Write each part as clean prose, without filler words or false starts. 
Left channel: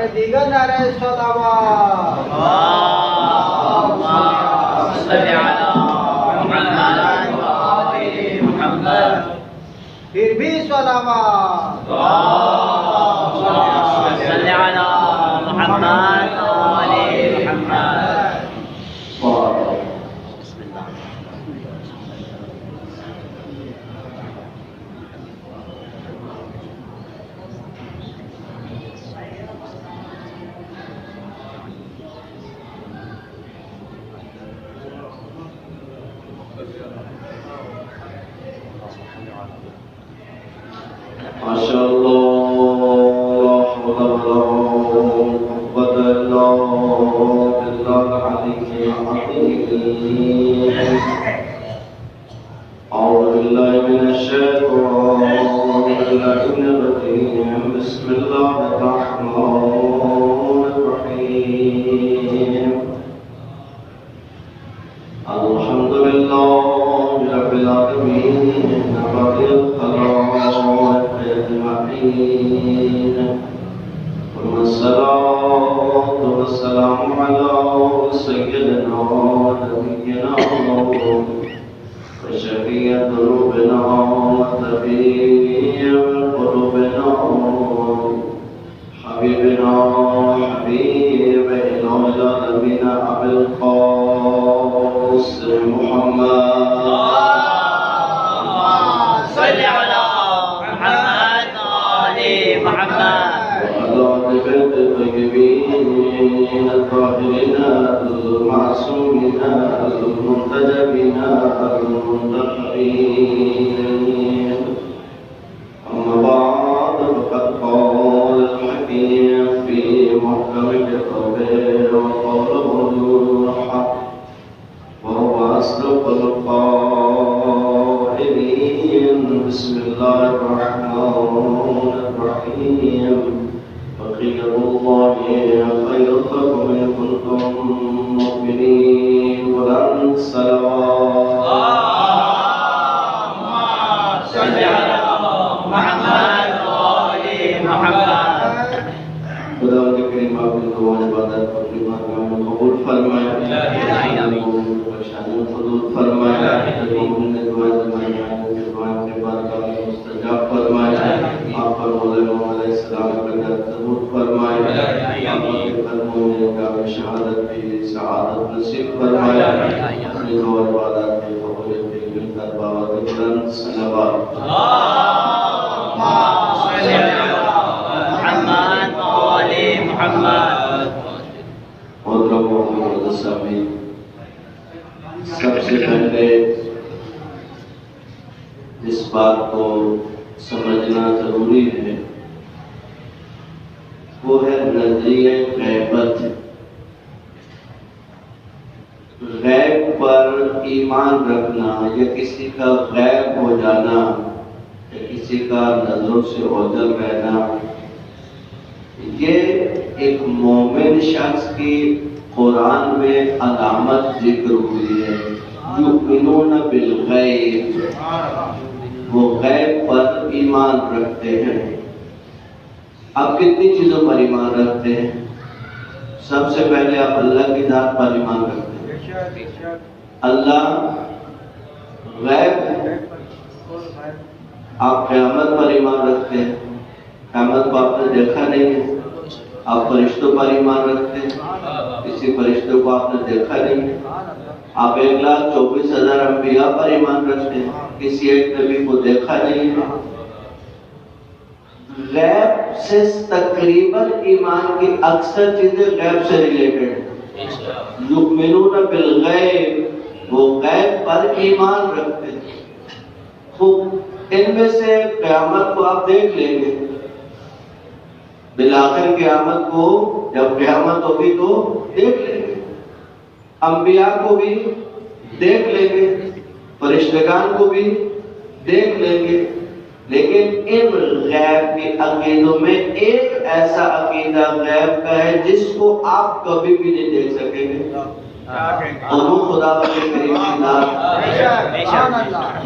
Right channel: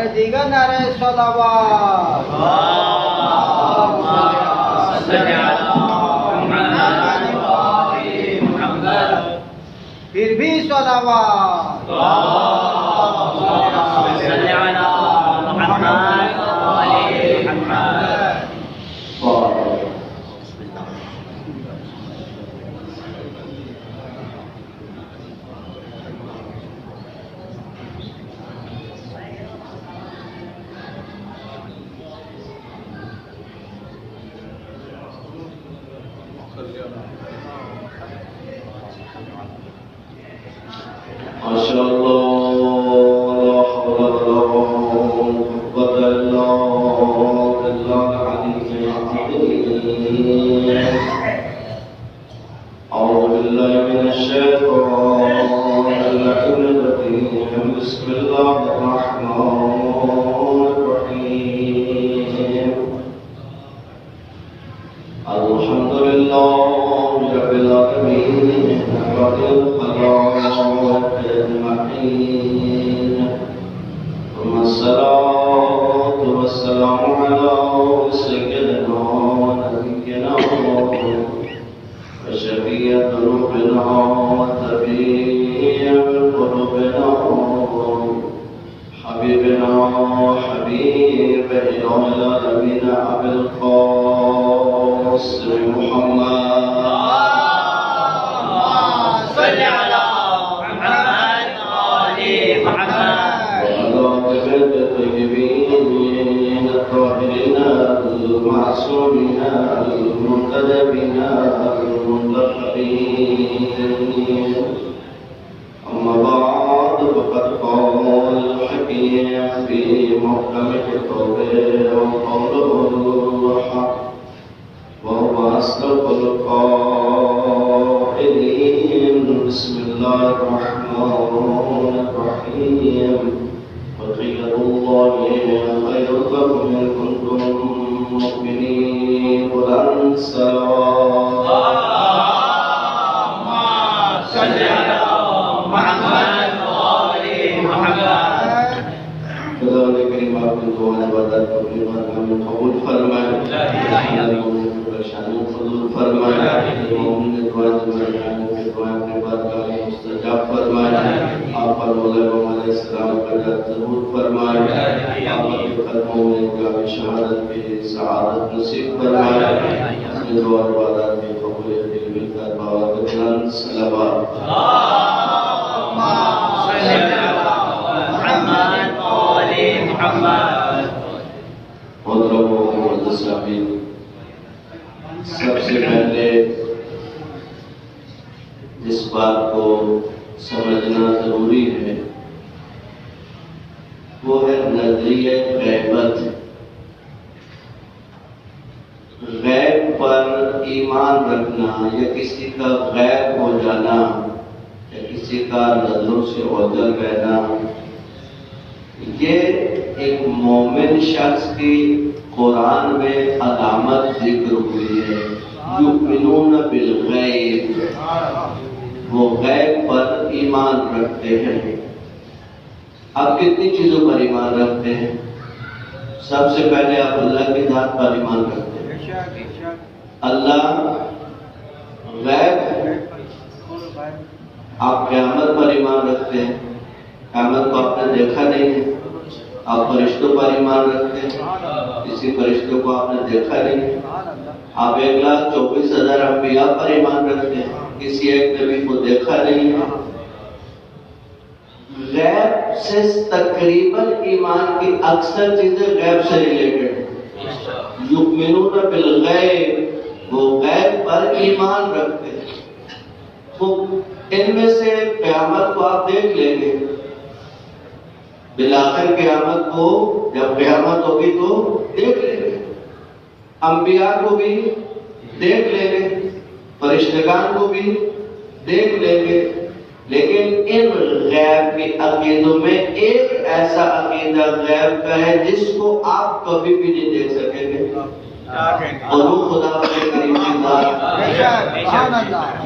نعرہ دیگر نعرہ صلوات پھر بھی صلوات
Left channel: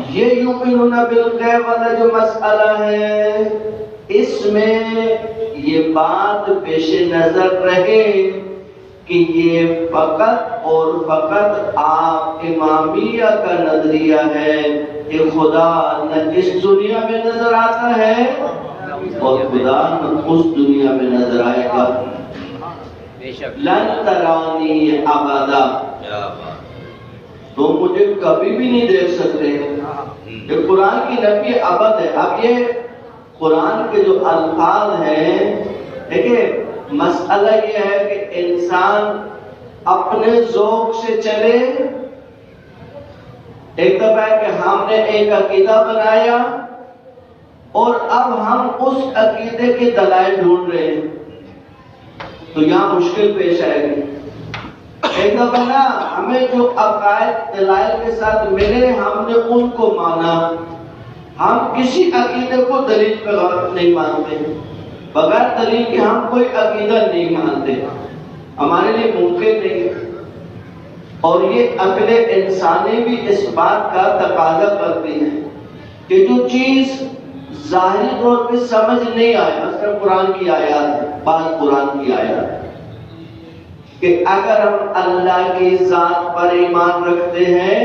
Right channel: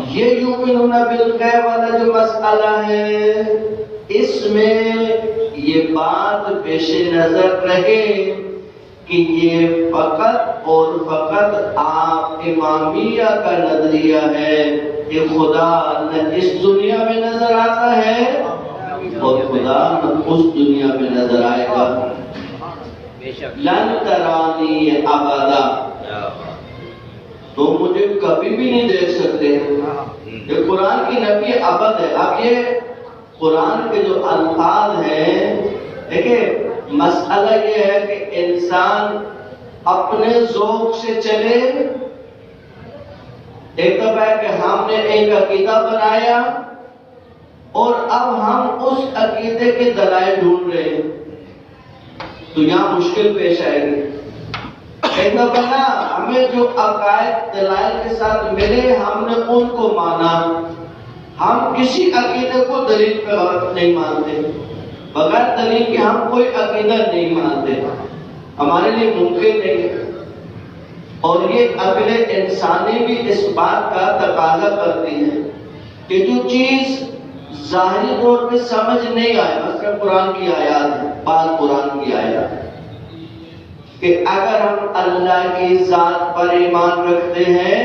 یہ یؤمنون بالغیب والا جو مسئلہ ہے اس میں یہ بات پیش نظر رہے کہ یہ فقط اور فقط آپ امامیہ کا نظریہ ہے کہ خدا نہ اس دنیا میں نظر آتا ہے اور خدا نہ اس دنیا میں نظر آئے گا. لن ترانی ابدا، تو مجھے کبھی بھی نہیں دیکھ سکتے. یہ قرآن کی نفی ابد ہے. اب یہ قرآن کے جو الفاظ ہیں، دیکھیں مسئلہ یہ ہے کہ انسان اپنے ذوق سے چلے. ایک تو ہے کہ ہم نے ایک عقیدہ بنایا اور اب ہم اس عقیدے کے دلائل ڈھونڈ رہے ہیں، تو یہاں مشکل پیش آئے گی. ایک تو ہے نا ہمیں جو عقائد دلائل کے ساتھ ملے ہم نے ان کو مانا. ہم کسی عقیدے کو دلیل پہ نہیں مانتے، بغیر دلیل کے ہم کوئی عقیدہ نہیں مانتے، ہمارے لیے ممکن نہیں ہے. اور یہ عقل انسانی بھی اس بات کا تقاضا کرتی ہے کہ جو چیز ظاہری طور پہ سمجھ نہیں آئے، مثلا قرآن کی آیات ہے، بعض قرآن کی آیات ہے کہ اگر ہم اللہ کی ذات پر ایمان رکھتے ہیں،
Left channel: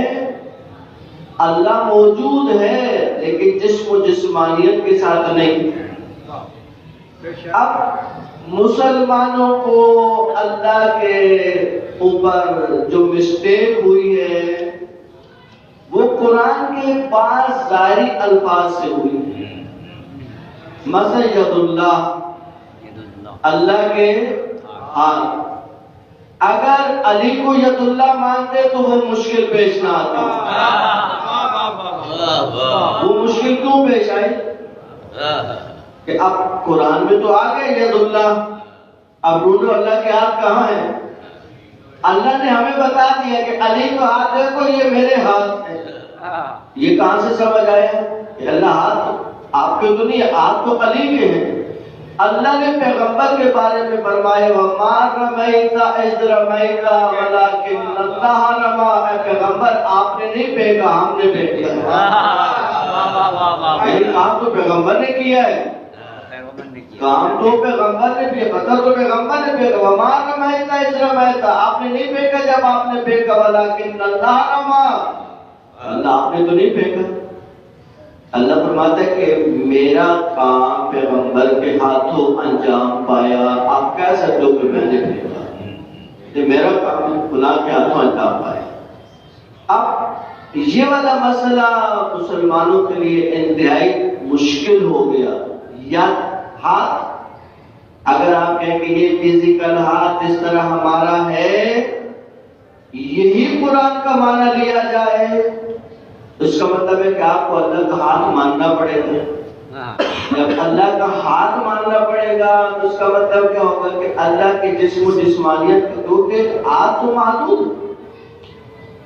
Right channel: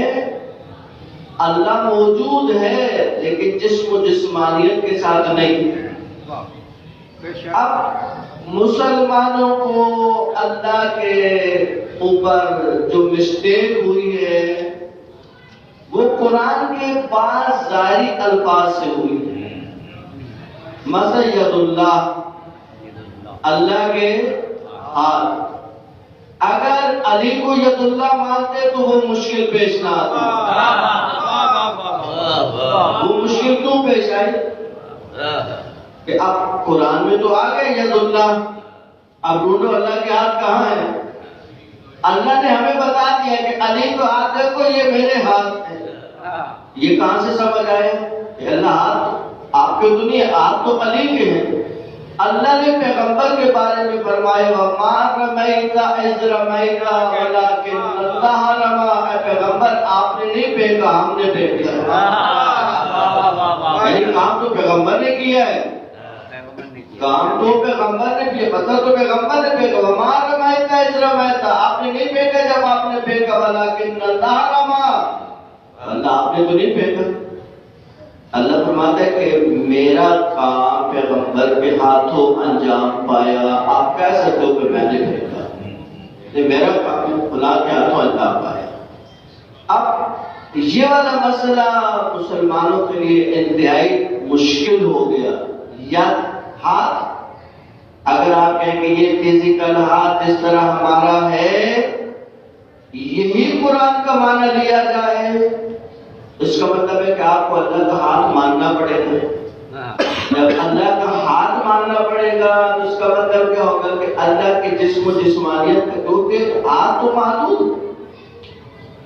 اللہ موجود ہے لیکن جسم و جسمانیت کے ساتھ نہیں. اب مسلمانوں کو اللہ کے اوپر جو مسٹیک ہوئی ہے وہ قرآن کے بعض ظاہری الفاظ سے ہوئی. مثلا ید اللہ، اللہ کے ہاتھ. اگر علی کو ید اللہ مانتے تو وہ مشکل پیش نہ آتی. وہ مشکل کیوں پیش آئی کہ اب قرآن میں تو آ گئے ید اللہ، اب ڈھونڈو اللہ کے ہاتھ کہاں ہے. اللہ نے ہمیں بتا دیا کہ علی کو ہاتھ دیکھو یہ میرے ہاتھ ہے. یہ کہاں سے سمجھ آیا کہ اللہ ہاتھ آپ کے تو نہیں ہے، ہاتھ تو علی کے ہیں. اللہ نے پیغمبر کے بارے میں فرمایا وَمَا رَمَيْتَ إِذْ رَمَيْتَ وَلَكِنَّ اللَّهَ رَمَىٰ. اے پیغمبر آپ نے نہیں پھینکا، ہم نے پھینک دیا. یعنی کام تو پیغمبر نے کیا ہے، کام تو پیغمبر نے کیا، پتھر تو پیغمبر نے پھینکا. وَمَا رَمَيْتَ إِذْ رَمَيْتَ، آپ نے نہیں پھینکا جب آپ نے پھینکا. وَلَكِنَّ اللَّهَ رَمَىٰ، اللہ آپ نے تو نہیں پھینکا. اللہ فرماتا ہے کہ میرا کام پیغمبر کے ہاتھوں انجام پایا. آپ کہہ سکتے ہو کہ میں نے بھیجا، یہ میرا کام خدا کے ہاتھوں انجام پایا. اب یہ والا مسئلہ مسلمانوں کے لیے انتہائی مشکل ہو گیا. یا ہاتھ، اگر آپ کہیں کہ یہ فزیکل ہاتھ جس طرح ہمارا ہے یہی قرآن کا معنی لیا جائے، اس کا مطلب ہے کہ آپ کو اللہ کا ہاتھ ماننا پڑے گا. جب اللہ کا ہاتھ ماننا پڑے گا تو اس کا مطلب کیا ہوگا کہ اللہ کے جسم و جسمانیت کے کیونکہ ہاتھ تو معدود.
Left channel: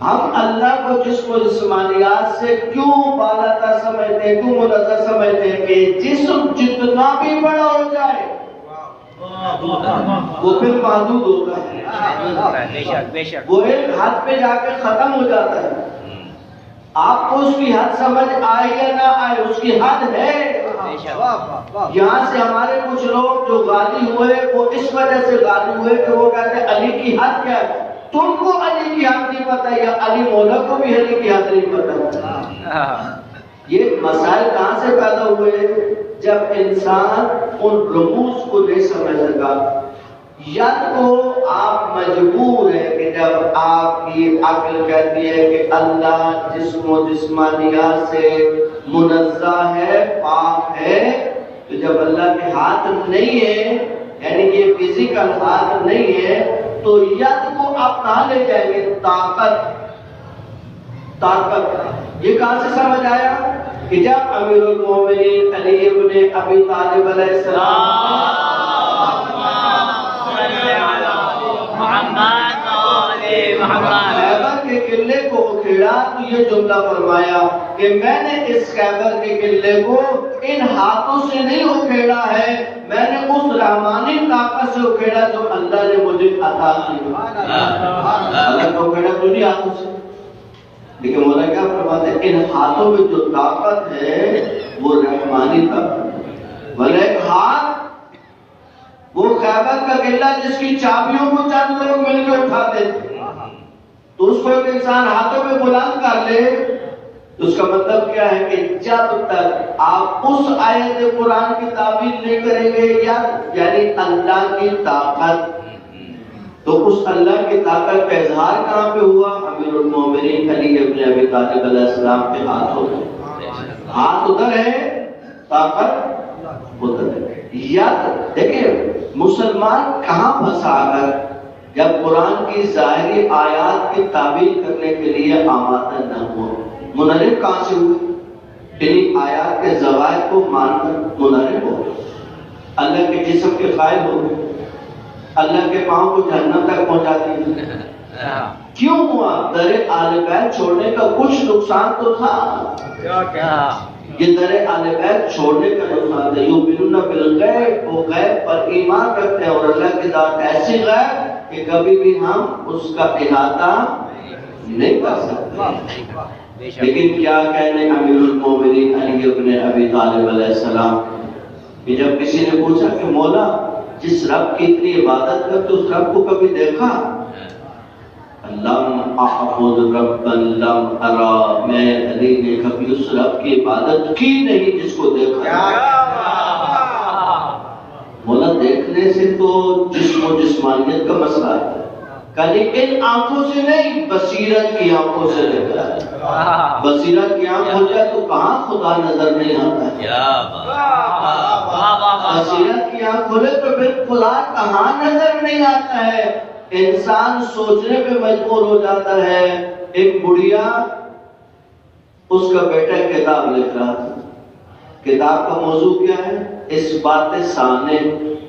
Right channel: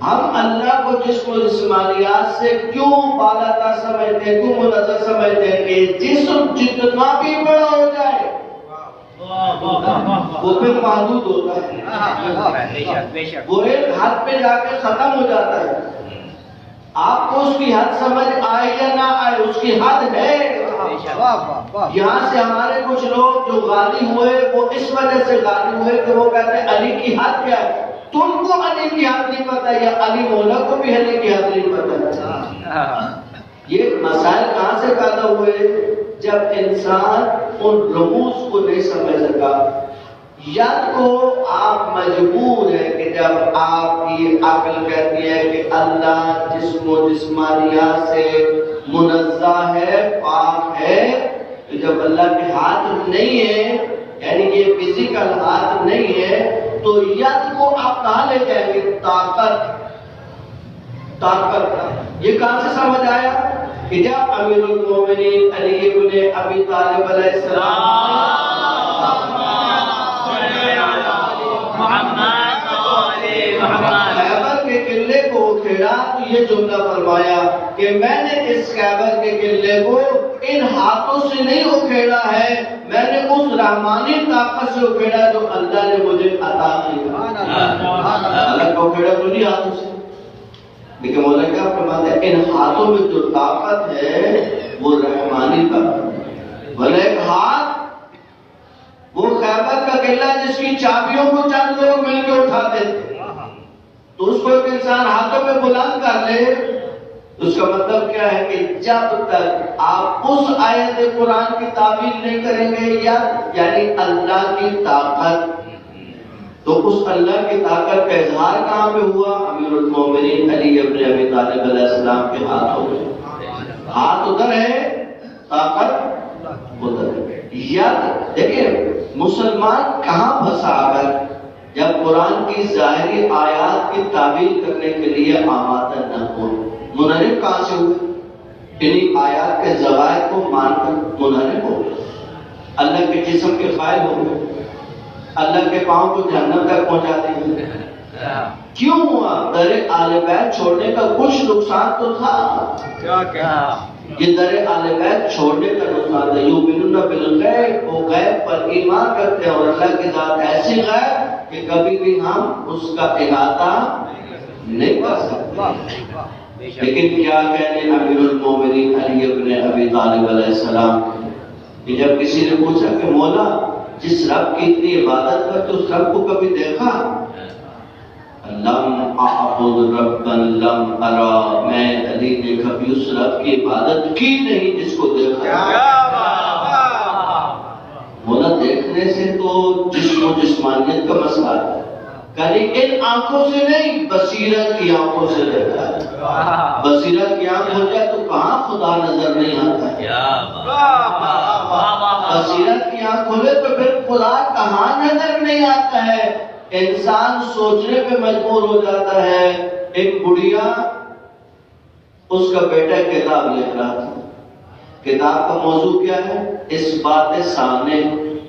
ہم اللہ کو جسم و جسمانیات سے کیوں بالاتر سمجھتے ہیں، کیوں منزہ سمجھتے ہیں کہ جسم جتنا بھی بڑا ہو جائے وہ پھر محدود ہوتا ہے، وہ ایک حد پہ جا کے ختم ہو جاتا ہے. آپ کو اس کی حد سمجھ آئے یا نہ آئے، اس کی حد ہے. یہاں سے ہمارے کچھ لوگ جو غالی ہوئے وہ اس وجہ سے غالی ہوئے کہ وہ کہتے ہیں علی کی حد کیا ہے. تم کو علی کی حد نہیں پتا یا علی مولا کو بھی علی کی حد نہیں پتا. یہ مسائل کہاں سے پیدا ہوئے؟ جب انسان ان رموز کو نہیں سمجھ سکا. یا تو آپ مجبور ہے کہ جب آپ کی عقل کہتی ہے کہ اللہ جسم و جسمانیات سے منزہ ہے، پاک ہے، تو جب اللہ کے ہاتھ نہیں ہے یعنی یہ فزیکل ہاتھ نہیں ہے تو ید کو آپ کہاں لے جائیں گے؟ طاقت. یہ کہاں سے سمجھ آیا کہ جب امیر المومنین علی ابن ابی طالب علیہ السلام خیبر کے قلعے کو کھیڑا تو یہ جملہ فرمایا کہ میں نے اس خیبر کے قلعے کو ان ہاتھوں سے نہیں اکھیڑا ہے، میں نے اس رحمانی طاقت سے اکھیڑا جو اللہ نے مجھے عطا کی. اللہ کو اکھیڑا تو نہیں ہاتھوں سے، لیکن مولا کیا فرماتے ہیں ان ہاتھوں میں جو طاقت ہے وہ رحمانی طاقت. بھلے ایک ہاتھ وہ خیبر کا قلعہ جس کی چابیوں کو چند لوگ مل کے اٹھاتے تھے، تو اس کو ایک انسان ہاتھوں میں بلند کر لے، تو اس کا مطلب کیا ہے کہ جب تک آپ اس آیت قرآن کی تعبیر نہیں کریں گے، یعنی اللہ کی طاقت، تو اس اللہ کی طاقت کا اظہار کہاں پہ ہوا؟ امیر المومنین علی ابن ابی طالب علیہ السلام کے ہاتھ ہوتے، ہاتھ ادھر ہے، طاقت ادھر ہے۔ یاد دیکھیں مسلمان کہاں پھنسا کر جب قرآن کی ظاہری آیات کی تعبیر کرنے کے لیے آمادہ نہ ہو، منحرف کہاں سے ہوئے؟ انہیں آیات کے زوائد کو مان کر منحرف ہو، اللہ کے جسم کے قائل ہو گئے، اللہ کے پاؤں کو جہنم تک پہنچاتی ہے۔ کیوں ہوا؟ در آل بیت چھوڑنے کا کچھ نقصان تو تھا، یہ در آل بیت چھوڑنے کا نقصان تھا۔ یؤمنون بالغیب، وہ غیب پر ایمان کرتے ہیں، اور اللہ کی ذات ایسی غیب کہ کبھی بھی ہم اس کا احاطہ نہیں کر سکتے۔ لیکن کیا کہنے امیر المومنین علی ابن ابی طالب علیہ السلام کہ جب کسی نے پوچھا کہ مولا جس رب کی اتنی عبادت کرتے اس رب کو کبھی دیکھا؟ لم اعبد ربا لم ارا، میں علی نے کبھی اس رب کی عبادت کی نہیں جس کو دیکھا۔ مولا دیکھنے سے تو جسم و جسمانیت کا مسئلہ ہے، کلی ان آنکھوں سے نہیں، بصیرت کی آنکھوں سے دیکھا ہے۔ بصیرت کی آنکھ ہو جائے تو کہاں خدا نظر نہیں آتا ہے؟ بصیرت کی آنکھ کھولے تو پھر خدا کہاں نظر نہیں آتا ہے؟ انسان سوچنے پہ مجبور ہو جاتا ہے۔ ایک بڑھیا، اس کا بیٹا کتاب لکھ رہا تھا، کتاب کا موضوع کیا ہے؟ اس بات سامنے،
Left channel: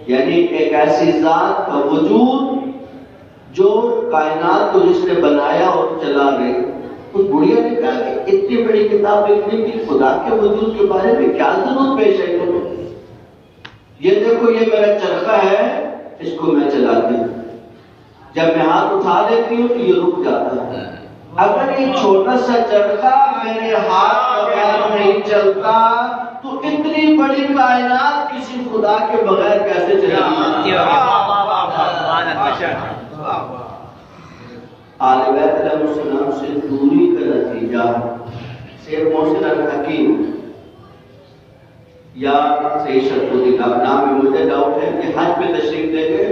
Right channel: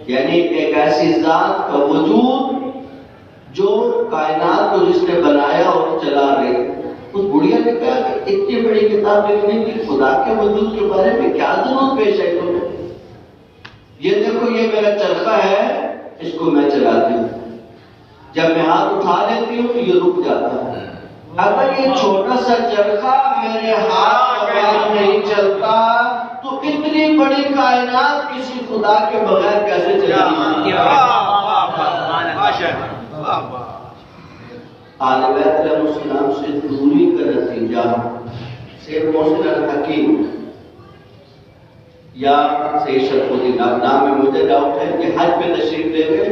یعنی ایک ایسی ذات کا وجود جو کائنات کو جس نے بنایا اور چلا رہی۔ اس بڑھیا نے کہا کہ اتنی بڑی کتاب لکھنے کی خدا کے وجود کے بارے میں کیا ضرورت پیش ہے تمہیں؟ یہ دیکھو یہ میرا چرخہ ہے، اس کو میں چلاتی ہوں، جب میں ہاتھ اٹھا لیتی ہوں تو یہ رک جاتا ہے۔ اگر یہ چھوٹا سا چرخہ میرے ہاتھ کے بغیر نہیں چلتا تو اتنی بڑی کائنات کسی خدا کے بغیر کیسے چلے گی؟ آل بیت علیہ السلام سے دوری کا نتیجہ سید محسن الحکیم یا سید شرف الدین، اب نام میں مجھے ڈاؤٹ ہے کہ حج پہ تشریف لے گئے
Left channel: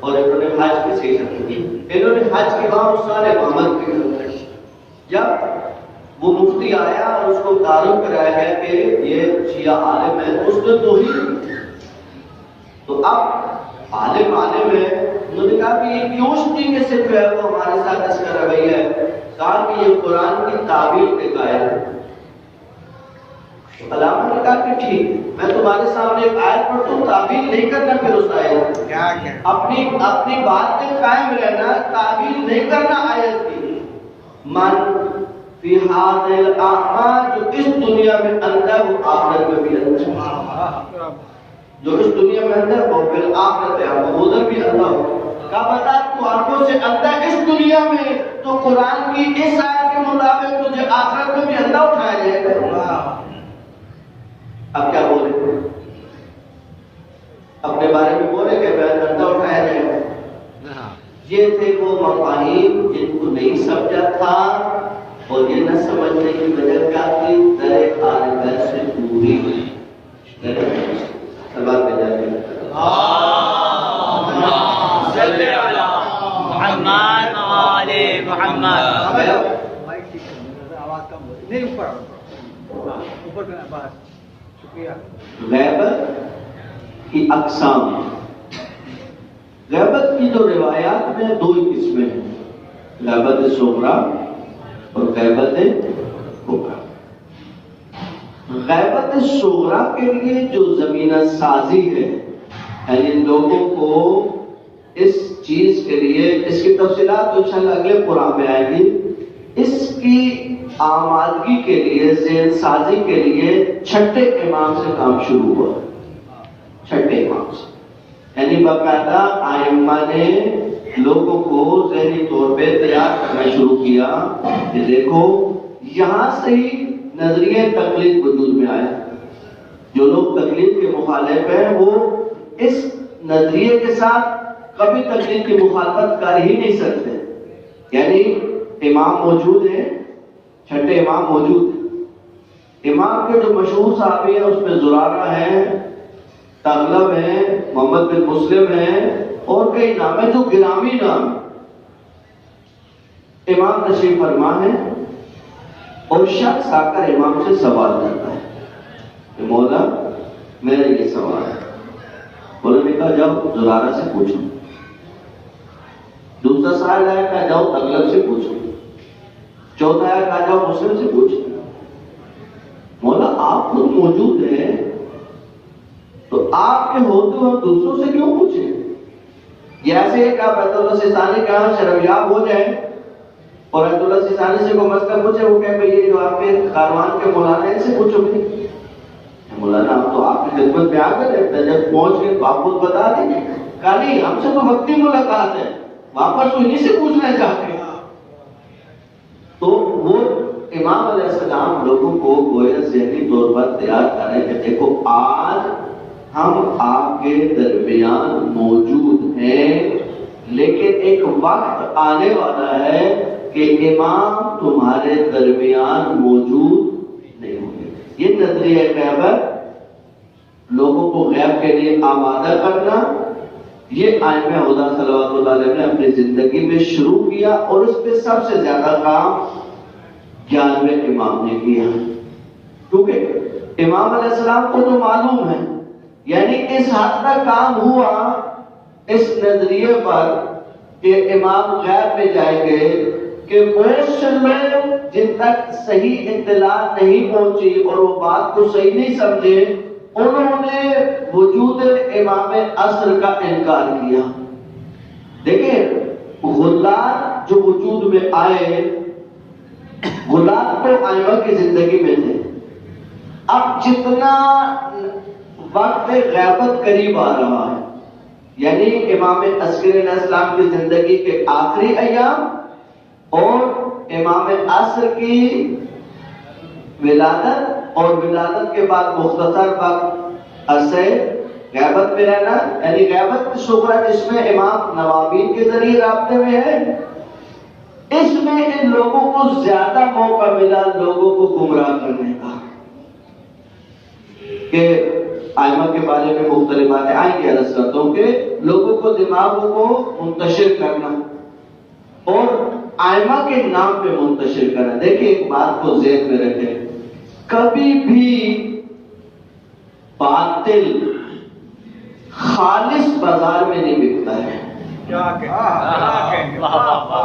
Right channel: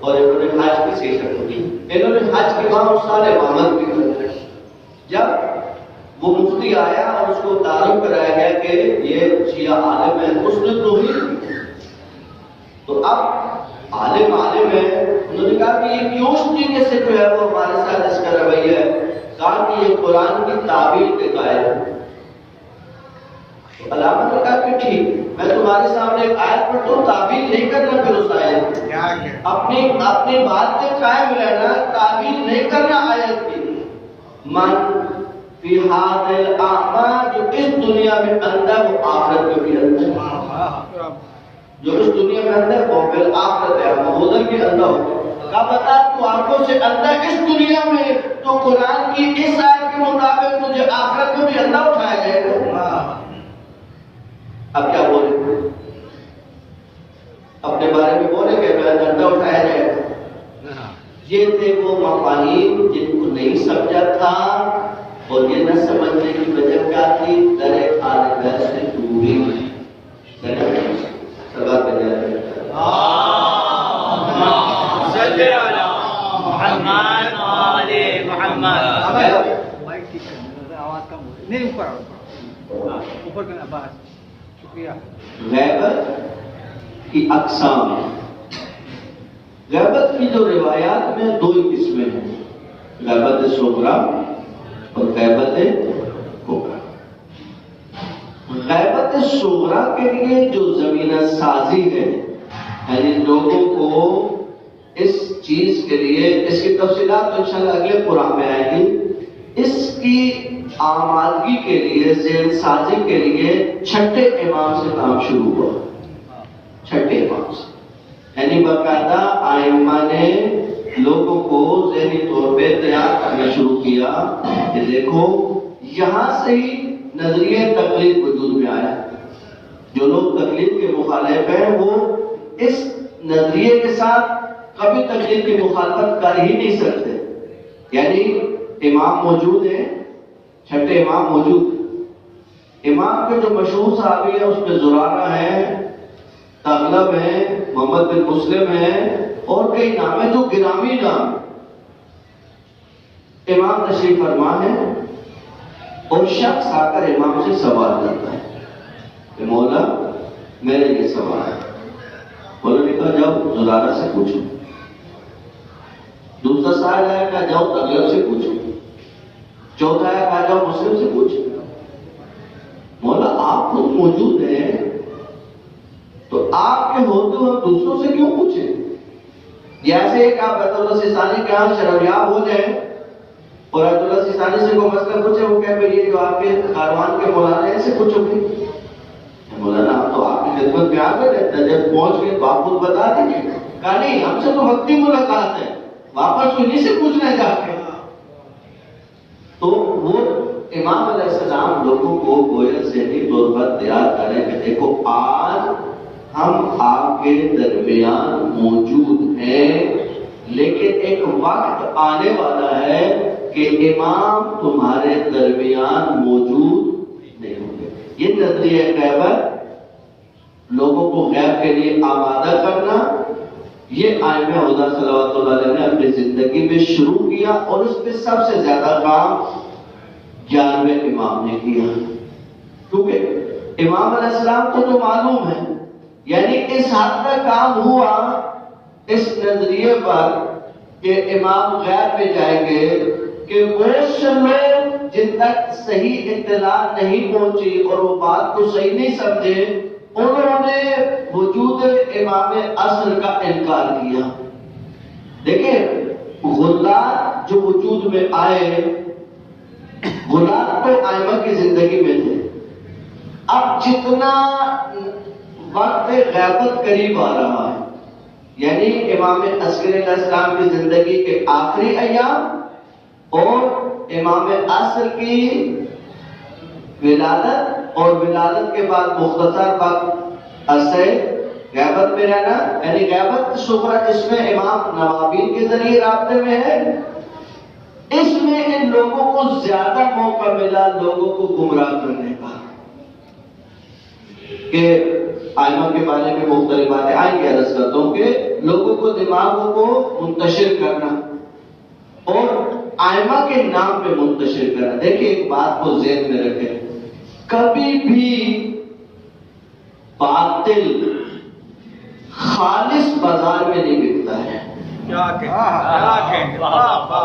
اور انہوں نے حج کی سید شرف الدین، انہوں نے حج کے وہاں استاد محمد بھی کرتے۔ جب وہ مفتی آیا اور اس کو تعارف کرایا گیا کہ یہ شیعہ عالم ہے، اس نے توحید، تو اب عالم ہے، انہوں نے کہا کہ یہ کیوں اس طریقے سے جو ہے وہ ہمارے ساتھ اس کا رویہ ہے؟ کہا کہ یہ قرآن کی تعبیر کے قائل ہے۔ تو علامہ نے کہا کہ ٹھیک، میں تمہارے سامنے ایک آیت پڑھتا ہوں، تعبیر نہیں کرنا پھر اس آیت، اپنی بات پہ قائم رہنا، تعبیر نہیں کرنا آیت کی۔ من فی ھذا الاعمال، جو اس دنیا میں اندر وہ آخرت میں بھی اندر ہے، جو اس دنیا میں اندر وہ پھر آخرت ہے، وہ ادھر بھی اندر ہو۔ کہا بتا تو آنکھوں سے اندر اس دنیا میں، تو قرآن کی اس آیت کے مطابق تجھے آخرت میں بھی اندر اٹھایا جائے گا۔ اب کیا بولے؟ اپنے بارے میں بولے کہ میں اندر اٹھایا جائے گا؟ یہ تھے وہ مفاہیم جن کو نہیں سمجھا تھا، اور یہ نہ سمجھنے کی وجہ کیا تھی؟ در آل بیت سے دوری۔ سبق پہ جاتے ہیں غیبت کی اقسام۔ غیبت کی جو روایات میں دو ہی قسمیں ہیں، غیبت صغریٰ اور غیبت کبریٰ۔ غیبت صغریٰ کے لیے جو زمینہ سازی ہے، یعنی لوگوں کو اس چیز کے لیے، اس کی تفصیلات تو انشاءاللہ اگلے قرآن میں آئیں گی، اس کی آمادگی کے لیے، ذہن سازی کے لیے چھٹے امام سے کام شروع ہوا، چھٹے امام سے، یعنی باقاعدہ ائمہ نے لوگوں کو ذہنی طور پہ تیار کرنا شروع کیا کہ دیکھو یہاں سے ہی نظریہ تقلید وجود میں آیا۔ جو لوگ تقلید کے مخالف ہیں وہ اس نظریے کے ساتھ کبھی تقلید کی مخالفت کر ہی نہیں سکتے. یعنی امام موجود ہیں، چھٹے امام موجود ہیں، امام کے جو مشہور صحابی ہیں اس میں زرارہ ہیں، تغلب ہیں، محمد بن مسلم ہیں اور کئی نام ہیں جو گرامی نام. امام تشریف فرما ہے اور شخص آ کر امام سے سوال کرتا ہے کہ مولا میرا یہ سوال ہے. مولا نے کہا جاؤ زرارہ سے پوچھو. دوسرا سوال آیا کہا جاؤ تغلب سے پوچھو. چوتھا آیا کہا جاؤ مسلم سے پوچھو. مولا آپ خود موجود ہیں تو آپ کے ہوتے ہوئے دوسروں سے کیوں پوچھیں؟ جیسے کہ آپ بیت اللہ سیستانی کے یہاں شرمیاب ہو جائیں اور بیت اللہ سیستانی سے کوئی مسئلہ پوچھے، وہ کہے کہ یہ جو آپ کے کاروان کے مولانا ہیں سے پوچھو گے. مولانا آپ تو آپ کی خدمت میں آ کر رہتا ہے، جب پہنچ گئے تو آپ کو بتا دیں گے. کہا نہیں، ہم سے تو وقتی ملاقات ہے، واپس انہیں سے پوچھنا چاہتے ہیں. تو وہ امام علیہ السلام لوگوں کو گویا ذہنی طور پر تیار کریں کہ دیکھو آج ہم آپ کے درمیان موجود ہیں، لیکن ایک وقت آنے والا ہے کہ امام تمہارے درمیان موجود نہیں ہوں گے. یہ نظریہ غیبت، لوگوں کو غیب کے لیے آمادہ کرنا، یہ ائمہ خدا صلوات اللہ علیہ نے اپنی زندگی میں شروع کیا اور اس پہ سب سے زیادہ کام 11ویں امام نے کیا. کیونکہ امام علیہ السلام کو تو معلوم ہے، یعنی اس حد تک کام ہوا اس نظریے پر کہ امام غیب میں جائیں گے کہ وہ سے لوگ جن تک صحیح اطلاع نہیں پہنچی اور وہ بات کو صحیح نہیں سمجھے، انہوں نے وجود امام عصر کا انکار کیا. دیکھیں غلات جو وجود میں آئے، غلات تو ائمہ کی زندگی میں تھے. اب جتنا وقت غیبت قریب آ رہا ہے، یعنی امام عسکری علیہ السلام کی زندگی کے آخری ایام اور امام عصر کی ولادت اور ولادت کے بعد مختصر وقت عرصے غیبت میں رہنا، یعنی غیبت صغری جس میں امام نوابین کے ذریعے رابطے میں ہے، اس میں ان لوگوں کو زیادہ موقع ملا لوگوں کو گمراہ کرنے کا. کہ ائمہ کے بارے میں مختلف باتیں آئیں گی، عرض کرتا ہوں کہ لوگوں کو دماغوں کو منتشر کرنا اور ائمہ کے نام پہ منتشر کرنا. دیکھیں ایک بات کو ذہن میں رکھیں، کبھی بھی باطل خالص بازار میں نہیں بکتا ہے.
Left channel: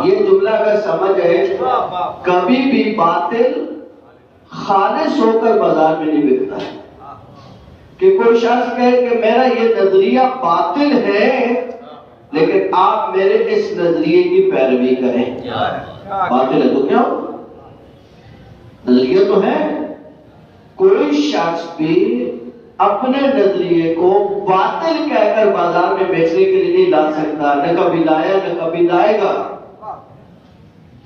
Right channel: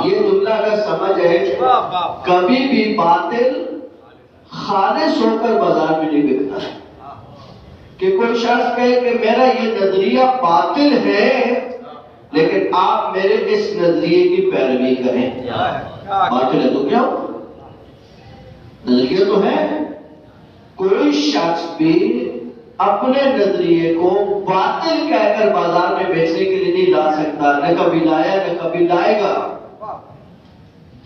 یہ جملہ اگر سمجھ ہے، کبھی بھی باطل خالص ہو کر بازار میں نہیں بکتا ہے. کہ کوئی شخص کہے کہ میرا یہ نظریہ باطل ہے لیکن آپ میرے اس نظریے کی پیروی کریں. باطل ہے تو کیا نظریہ تو ہے. کوئی شخص بھی اپنے نظریے کو باطل کہہ کر بازار میں بیچنے کے لیے نہیں لا سکتا، نہ کبھی لایا نہ کبھی لائے گا.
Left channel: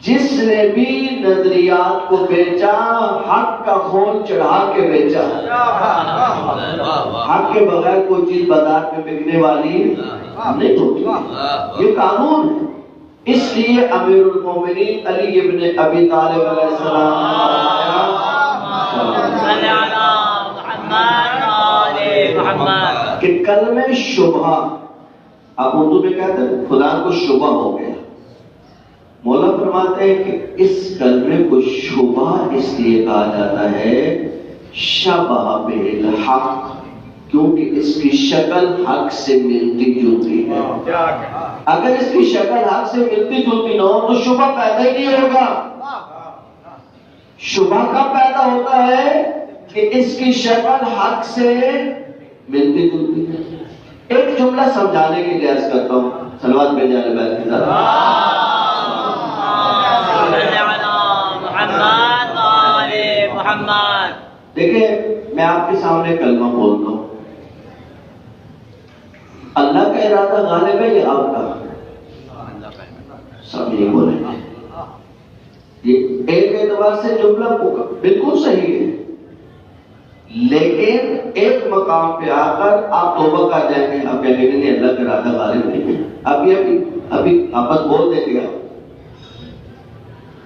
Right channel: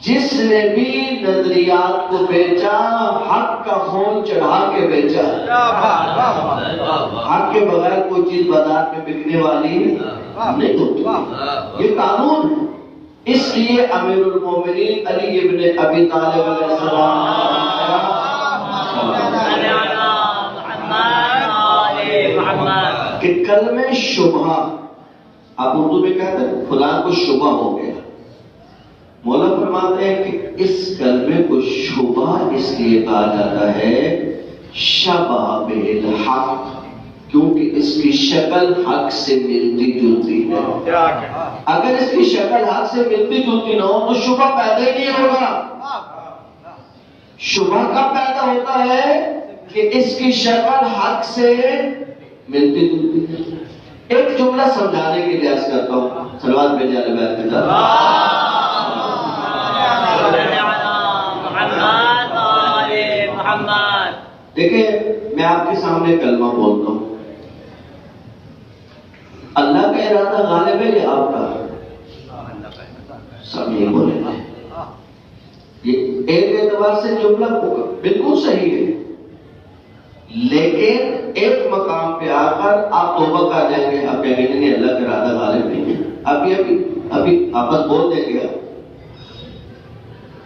جس نے بھی نظریات کو بیچا حق کا خون چڑھا کے بیچا. حق کے بغیر کوئی چیز بازار میں بکنے والی نہیں ہوتی. یہ قانون ہے. اس لیے امیر المومنین علی ابن ابی طالب علیہ السلام کہ کلمہ شبہ، آپ اردو میں کہتے ہیں خدا کو شبہ ہو گیا. مولا فرماتے ہیں کہ اس کلمے کو شبہ اس لیے کہا جاتا ہے شبہ بالحق، کیونکہ اس کی شکل حق سے ملتی جلتی ہے. اگر اس کی شکل حق سے ملتی جلتی نہ ہو تو شبہ پیدا ہی نہیں ہوگا. شبہ کب پیدا ہوتا ہے کہ اس کی شکل حق سے ملتی جلتی ہے. ایک جملہ سمجھانے کی لیے عرض کرتا ہوں، صلوات بھیجے علی بیت کی طرف. دیکھیں میں آپ کے سامنے کلمہ بولتا ہوں، اللہ کا ارادہ غالب ہے یا آپ کا؟ سب یہ بولیں گے. یہ ایک اعتبار سے جملہ بالکل صحیح ہے، لیکن ایک مقام پہ آ کر آپ توبہ کر جائیں گے، اب کہیں گے نہیں اللہ کا ارادہ غالب نہیں ہے، ابھی آپس بول دیں گے۔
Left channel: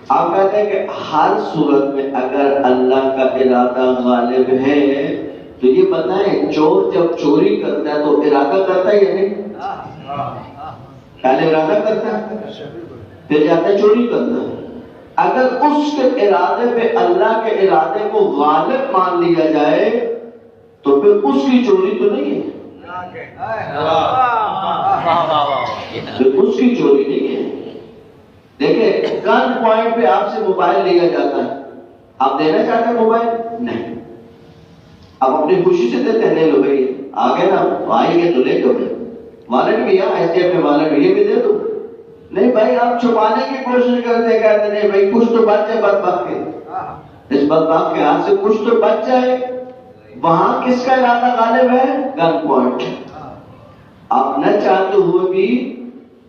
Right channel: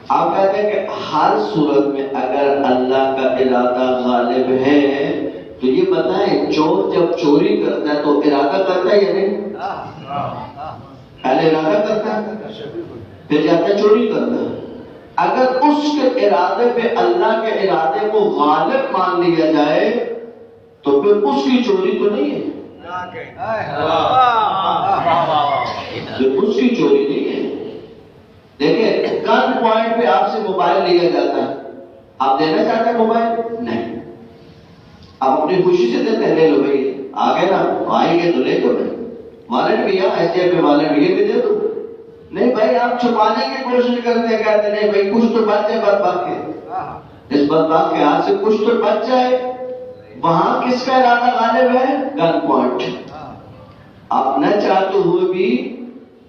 آپ کہتے ہیں کہ ہر صورت میں اگر اللہ کا ارادہ غالب ہے تو یہ بتائیں چور جب چوری کرتا ہے تو ارادہ کرتا ہے یا نہیں؟ پہلے ارادہ کرتا ہے پھر جاتا ہے چوری کرتا ہے۔ اگر اس کے ارادے پہ اللہ کے ارادے کو غالب مان لیا جائے تو پھر اس کی چوری تو نہیں ہے، پھر اس کی چوری نہیں ہے۔ دیکھیں گن پوائنٹ پہ آپ سے موبائل لیا جاتا ہے، آپ دینا چاہتے ہیں موبائل؟ نہیں، آپ اپنی خوشی سے دیتے ہیں، لے لو بھائی آگے نا آئیں گے تو لے لو بھائی، والٹ بھی ایس ڈی ایف میں والٹ بھی یہ بھی دے دو۔ نہیں بھائی آپ چھپانے کی کوشش کرتے ہیں، کہتے نہیں بھائی کچھ تو بچ جائے بدبخت کے، اس بدبخت کے ہاتھ سے کچھ تو بچ جائے۔ وہاں کس کا ارادہ غالب ہے؟ Gunpoint. آپ نہ چاہتے ہوئے بھی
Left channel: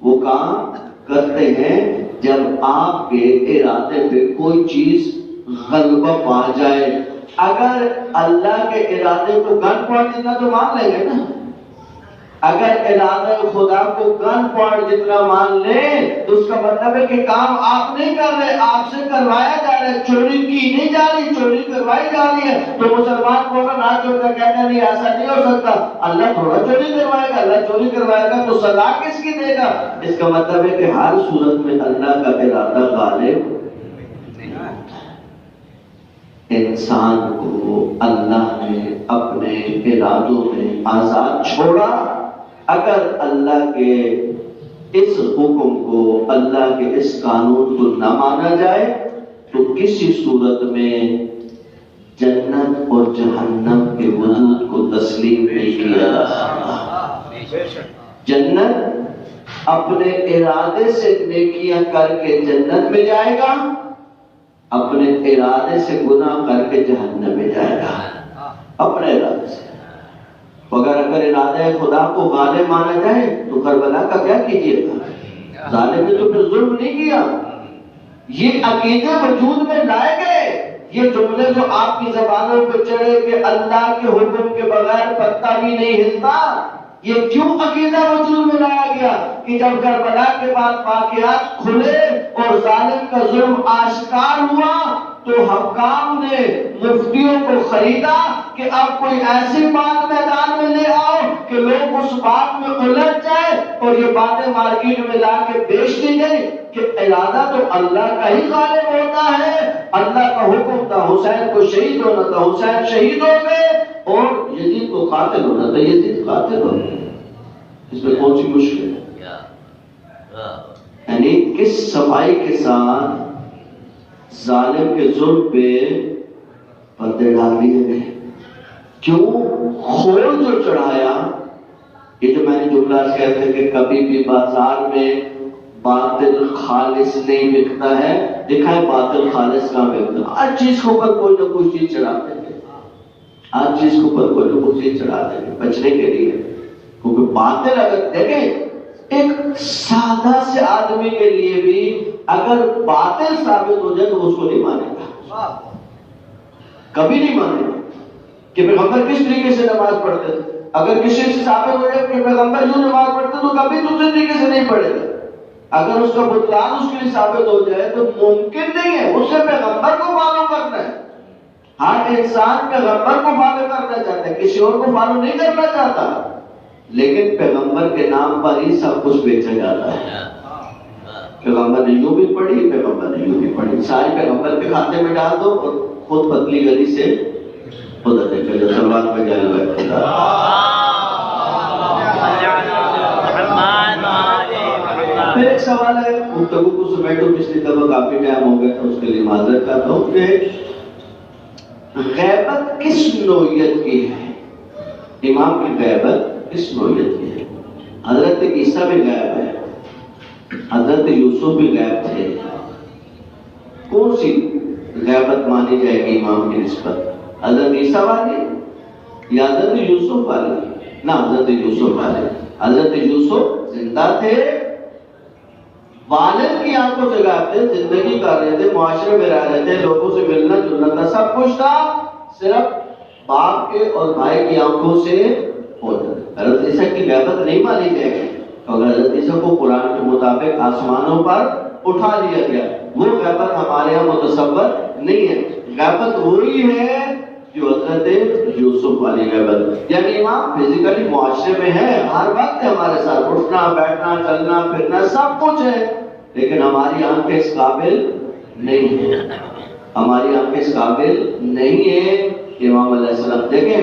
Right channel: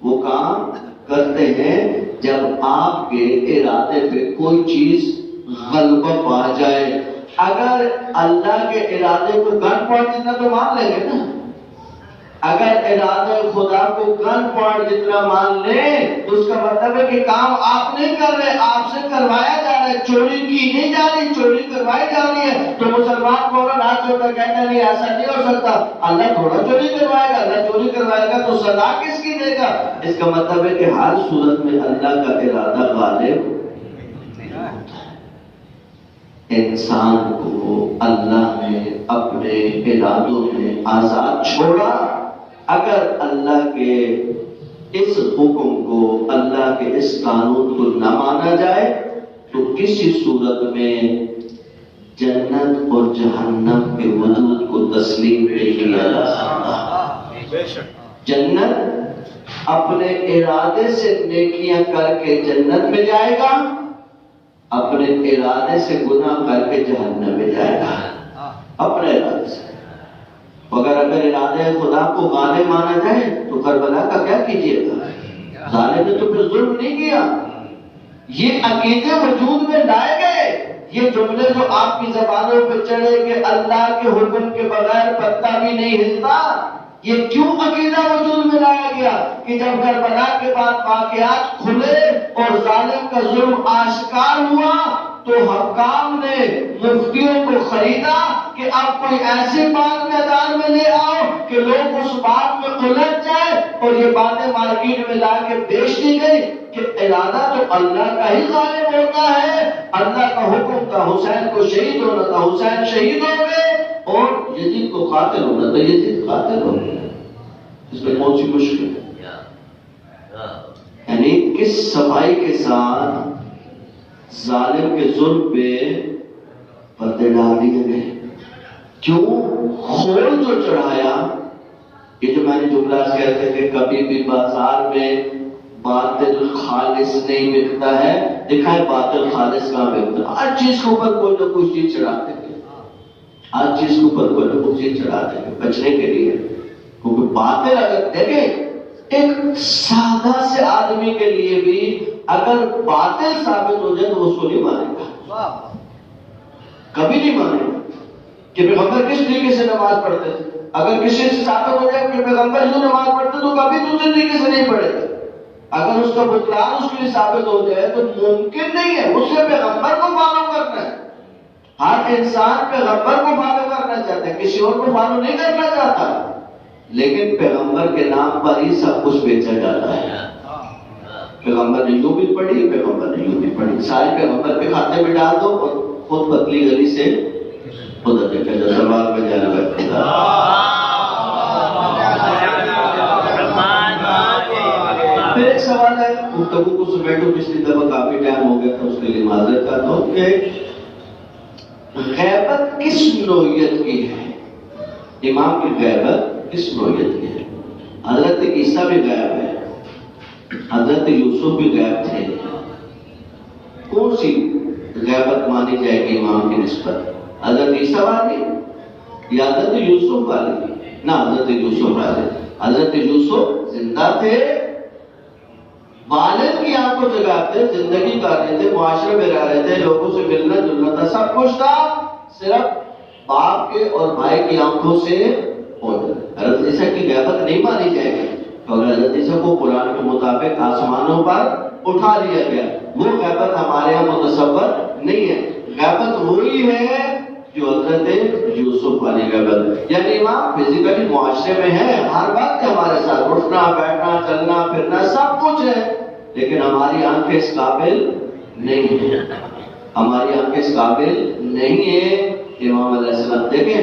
وہ کام کرتے ہیں جب آپ کے ارادے پہ کوئی چیز غلبہ پا جائے۔ اگر اللہ کے ارادے کو گن پوائنٹ جتنا تو مان لیں گے نا، اگر ارادہ خدا کو گن پوائنٹ جتنا مان لیں تو اس کا مطلب ہے کہ کام آپ نہیں کر رہے، آپ سے کروایا جا رہا ہے، چوری کی نہیں جا رہی، چوری کروائی جا رہی ہے۔ تو مسلمان کو اگر نہ چھوڑ کر کہتا نہیں ایسا نہیں ہو سکتا، اللہ تھوڑا چوری کروائے گا، اللہ چوری کروائے گا تو سزا کس کی دے گا؟ اس کا مطلب ہے کہ ہر صورت میں اللہ کا ارادہ غالب انسان کو اللہ نے اپنے ارادوں میں آزاد چھوڑا۔ اگر اللہ کے اس حکم کو، اللہ کے اس قانون کو نہ مانا جائے تو کسی صورت میں جنت اور جہنم کے وجود کو تسلیم نہیں کیا جا سکتا۔ جنت اپنے ارادے سے نیکیاں کر کے جنت میں جائے گا، اپنے ارادے سے گناہ کر کے جہنم میں جائے گا، اپنے ارادے سے۔ اگر ارادہ خدا کو غالب مانا جائے تو کربلا کا کیا کیجیے گا؟ ظالم نے تو پھر ظلم نہیں کیا۔ یہ عقیدے وجود میں لائے گئے، یہ جملے جو آپ کی زبانوں پہ چڑھے کہ اللہ کے حکم کے بغیر پتا بھی نہیں ہلتا، یہ کیوں عقیدہ وجود میں لایا گیا کہ جب کربلا کے بعد واقعات کھلے اور ظالم کا ظلم آشکار ہوا تو حکام نے مفتیوں کو خریدا کہ اب کوئی ایسی بات میدان میں لے آؤ کہ لوگ اس بات میں الجھ جائے، اور یہ باتیں مارکیٹ میں لا کے بیچ دی گئی کہ ارادہ تو اللہ کا ہی غالب ہوتا ہے۔ اللہ کا حکم تھا حسین کو شہید ہونا تھا، حسین شہید ہو گئے، اور یزید کو قاتل ہونا تھا، یزید قاتل ہو گئے۔ اس میں کون سی مشکل ہے؟ یعنی کس صفائی کے ساتھ ظالم کے ظلم پہ پردے ڈال دیے گئے۔ کیوں؟ خول جو چڑھایا، یہ جو میں نے جملہ کہتے تھے کہ کبھی بھی بازار میں باطل خالص نہیں بکتا ہے، دیکھا ہے باطل خالص کہاں بکتا ہے؟ ہر چیز کے اوپر کوئی نہ کوئی چیز چڑھاتے تھے، ہر چیز کے اوپر کوئی نہ کوئی چیز چڑھاتے تھے بچنے کے لیے، کیونکہ باطل اگر دیکھیں ایک سادہ سے آدمی کے لیے بھی اگر باطل ثابت ہو جائے تو اس کو نہیں مانے گا، کبھی نہیں مانے گا کہ پیغمبر کس طریقے سے نماز پڑھتے تھے۔ اگر کسی سے ثابت ہو جائے کہ پیغمبر یوں نماز پڑھتے تو کبھی دوسرے طریقے سے نہیں پڑھے گا۔ اگر اس کا بطلان اس کے لیے ثابت ہو جائے تو ممکن نہیں ہے، اسے پیغمبر کو فالو کرنا ہے۔ ہر انسان پیغمبر کو فالو کرنا چاہتا ہے، کسی اور کو فالو نہیں کرنا چاہتا، لیکن پیغمبر کے نام پر ہی سب کچھ بیچا جاتا ہے۔ پیغمبر نے یوں بھی پڑھی، پیغمبر نے یوں بھی پڑھی، سارے پیغمبر کے کھاتے میں ڈال دو اور خود پتلی گلی سے خدا دیکھا جو سوال میں جانا ہے۔ پھر ایک سوال ہے، گفتگو کو سمیٹو، پچھلی دفعہ کافی ٹائم ہو گیا تھا، اس کے لیے معذرت کرتا ہوں کہ غیبت کس نوعیت کی ہے؟ امام کی غیبت کس نوعیت کی ہے؟ حضرت عیسیٰ بھی غائب ہے، حضرت یوسف بھی غائب تھے، کون سی غیبت مانی جائے گی امام کی نسبت؟ حضرت عیسیٰ والی یا حضرت یوسف والی؟ نہ حضرت یوسف والے۔ حضرت یوسف زندہ تھے، والد کی آنکھوں سے غائب تھے، زندگی کر رہے تھے، معاشرے میں رہ رہے تھے، لوگوں سے ملنا جلنا تھا، سب کچھ تھا، صرف باپ کے اور بھائی کی آنکھوں سے ہو جاتا ہے۔ حضرت عیسیٰ کی غیبت نہیں مانی جائے گی، اور حضرت عیسیٰ کو قرآن کے مطابق آسمانوں پر اٹھا لیا گیا، وہ غیبت ہمارے یہاں متصور نہیں ہے۔ غیبت وہی ہے جو حضرت یوسف والی غیبت، یعنی امام فزیکلی معاشرے میں ہے، ہر وقت ہمارے ساتھ اٹھنا بیٹھنا چلنا پھرنا سب کچھ ہے، لیکن ہماری آنکھیں اس قابل نہیں ہے، ہماری آنکھیں اس قابل نہیں ہے کہ امام علیہ السلام دیکھیں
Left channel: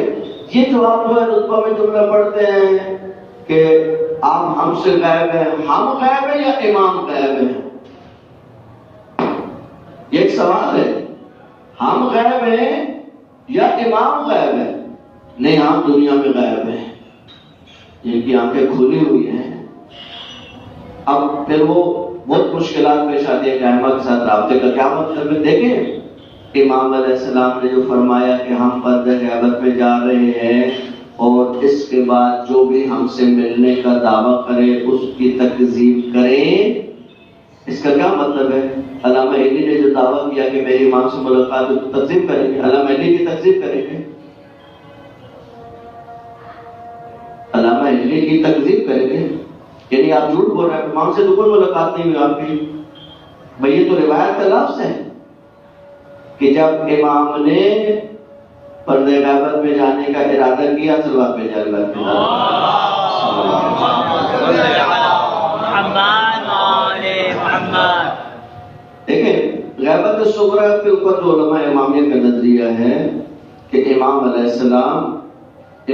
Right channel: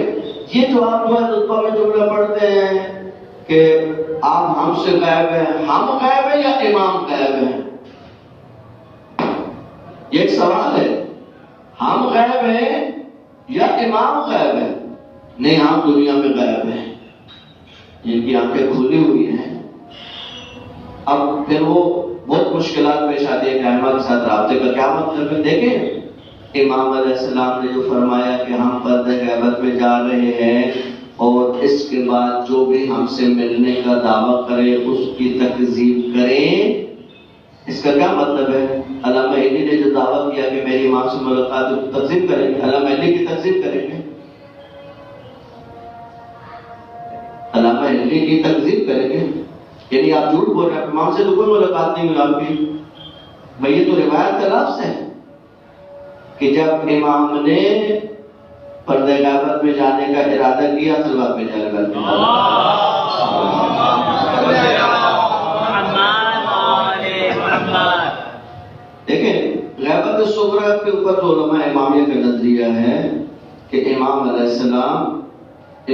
یہ جو آپ جو ہے رتبہ میں جملہ پڑھتے ہیں کہ آپ ہم سے غائب ہیں، ہم غائب ہیں یا امام غائب ہیں؟ یہ ایک سوال ہے، ہم غائب ہیں یا امام غائب ہے؟ نہیں، ہم دنیا میں غائب ہیں، جن کی آنکھیں کھلی ہوئی ہیں۔ اب پھر وہ بہت مشکلات پیش آتی ہے کہ احمد کے ساتھ رابطے کا کیا مطلب ہے؟ دیکھیں امام علیہ السلام نے جو فرمایا کہ ہم پردہ غیبت میں جا رہے ہیں اور اس کے بعد جو بھی ہم سے ملنے کا دعویٰ کرے اس کی تکذیب کریں، اس کا کیا مطلب ہے؟ علامہ علی نے جو دعویٰ کیا کہ میری امام سے ملاقات ہو تو تکذیب کریں گے، علامہ علی کی تکذیب کریں گے، علامہ علی کی تکذیب کریں گے، یعنی آپ جھوٹ بول رہے ہیں، امام سے تو کوئی ملاقات نہیں ہوئی آپ کی۔ بھئی یہ تو روایت کا لفظ ہے کہ جب امام نے پردہ غیبت میں جانے کا ارادہ کیا صلوات پہ جائے گا۔ دیکھیں غیبت صغریٰ کے اوپر جو علماء امامیہ کا نظریہ ہے کہ امام علیہ السلام،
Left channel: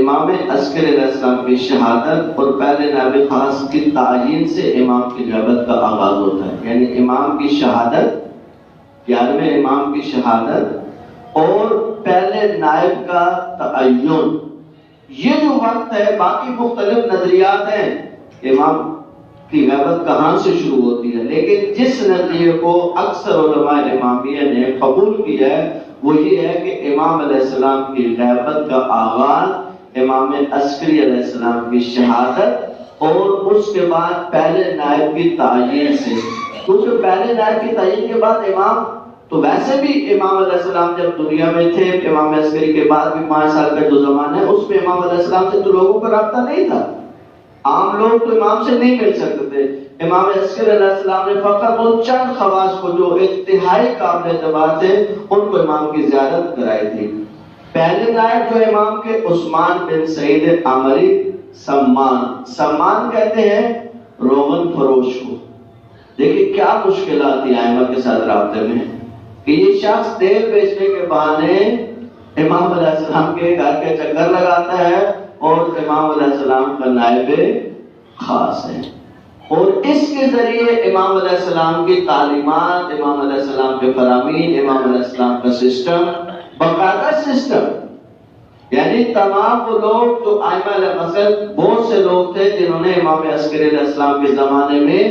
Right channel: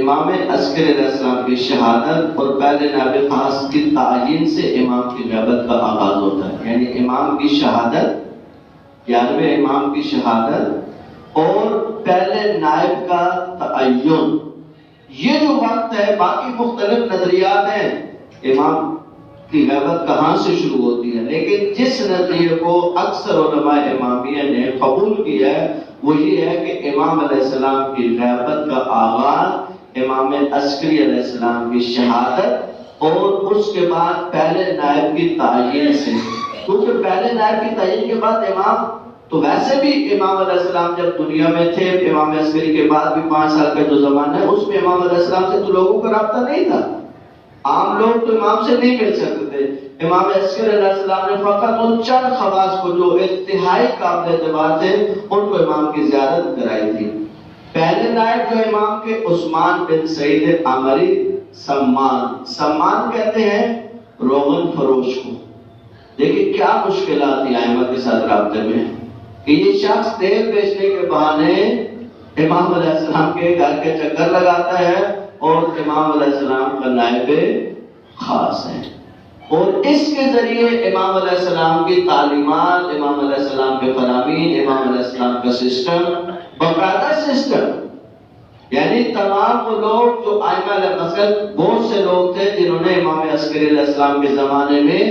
امام عسکری علیہ السلام کی شہادت اور پہلے نائب خاص کی تعیین سے امام کی غیبت کا آغاز ہوتا ہے، یعنی امام کی شہادت، 11ویں امام کی شہادت اور پہلے نائب کا تعین، یہ جو وقت ہے، باقی مختلف نظریات ہیں امام کی غیبت کہاں سے شروع ہوتی ہے، لیکن جس نظریے کو اکثر علماء امامیہ نے قبول کیا ہے وہ یہ ہے کہ امام علیہ السلام کی غیبت کا آغاز امام عسکری علیہ السلام کی شہادت اور اس کے بعد پہلے نائب کی تعین سے، کیونکہ پہلے نائب کی تعین کے بعد امام تو ویسے بھی امام علیہ السلام جب دنیا میں تھے، امام عسکری کے بعد بھی 5 سال کا جو زمانہ ہے اس میں امام علیہ السلام سے تو لوگوں کا رابطہ نہیں تھا، عام لوگ تو امام سے نہیں مل سکتے تھے۔ امام عسکری علیہ السلام نے فقط ان چند خواص کو جو انتہائی قابل اعتبار تھے ان کو امام کی زیارت کرائی تھی۔ پہلے نائب جو امام کے عثمان بن سعید عامری سمان کہتے ہیں روغن فروش کو۔ دیکھیں کیا مشکلات تھی ائمہ کے ساتھ رابطے میں کہ یہ شخص تیل بیچنے کے بہانے امام علیہ السلام کے گھر کے چکر لگاتا ہے اور امام علیہ السلام کا نائب خاص ہے، اور اس کے ذریعے امام علیہ السلام کی تعلیمات، امام علیہ السلام کے فرامین، امام علیہ السلام کا سسٹم، باقاعدہ سسٹم، یعنی تمام وہ لوگ جو ائمہ علیہ مثلا بہت سے لوگ تھے جنہوں نے امام عسکری علیہ السلام کے زمانے میں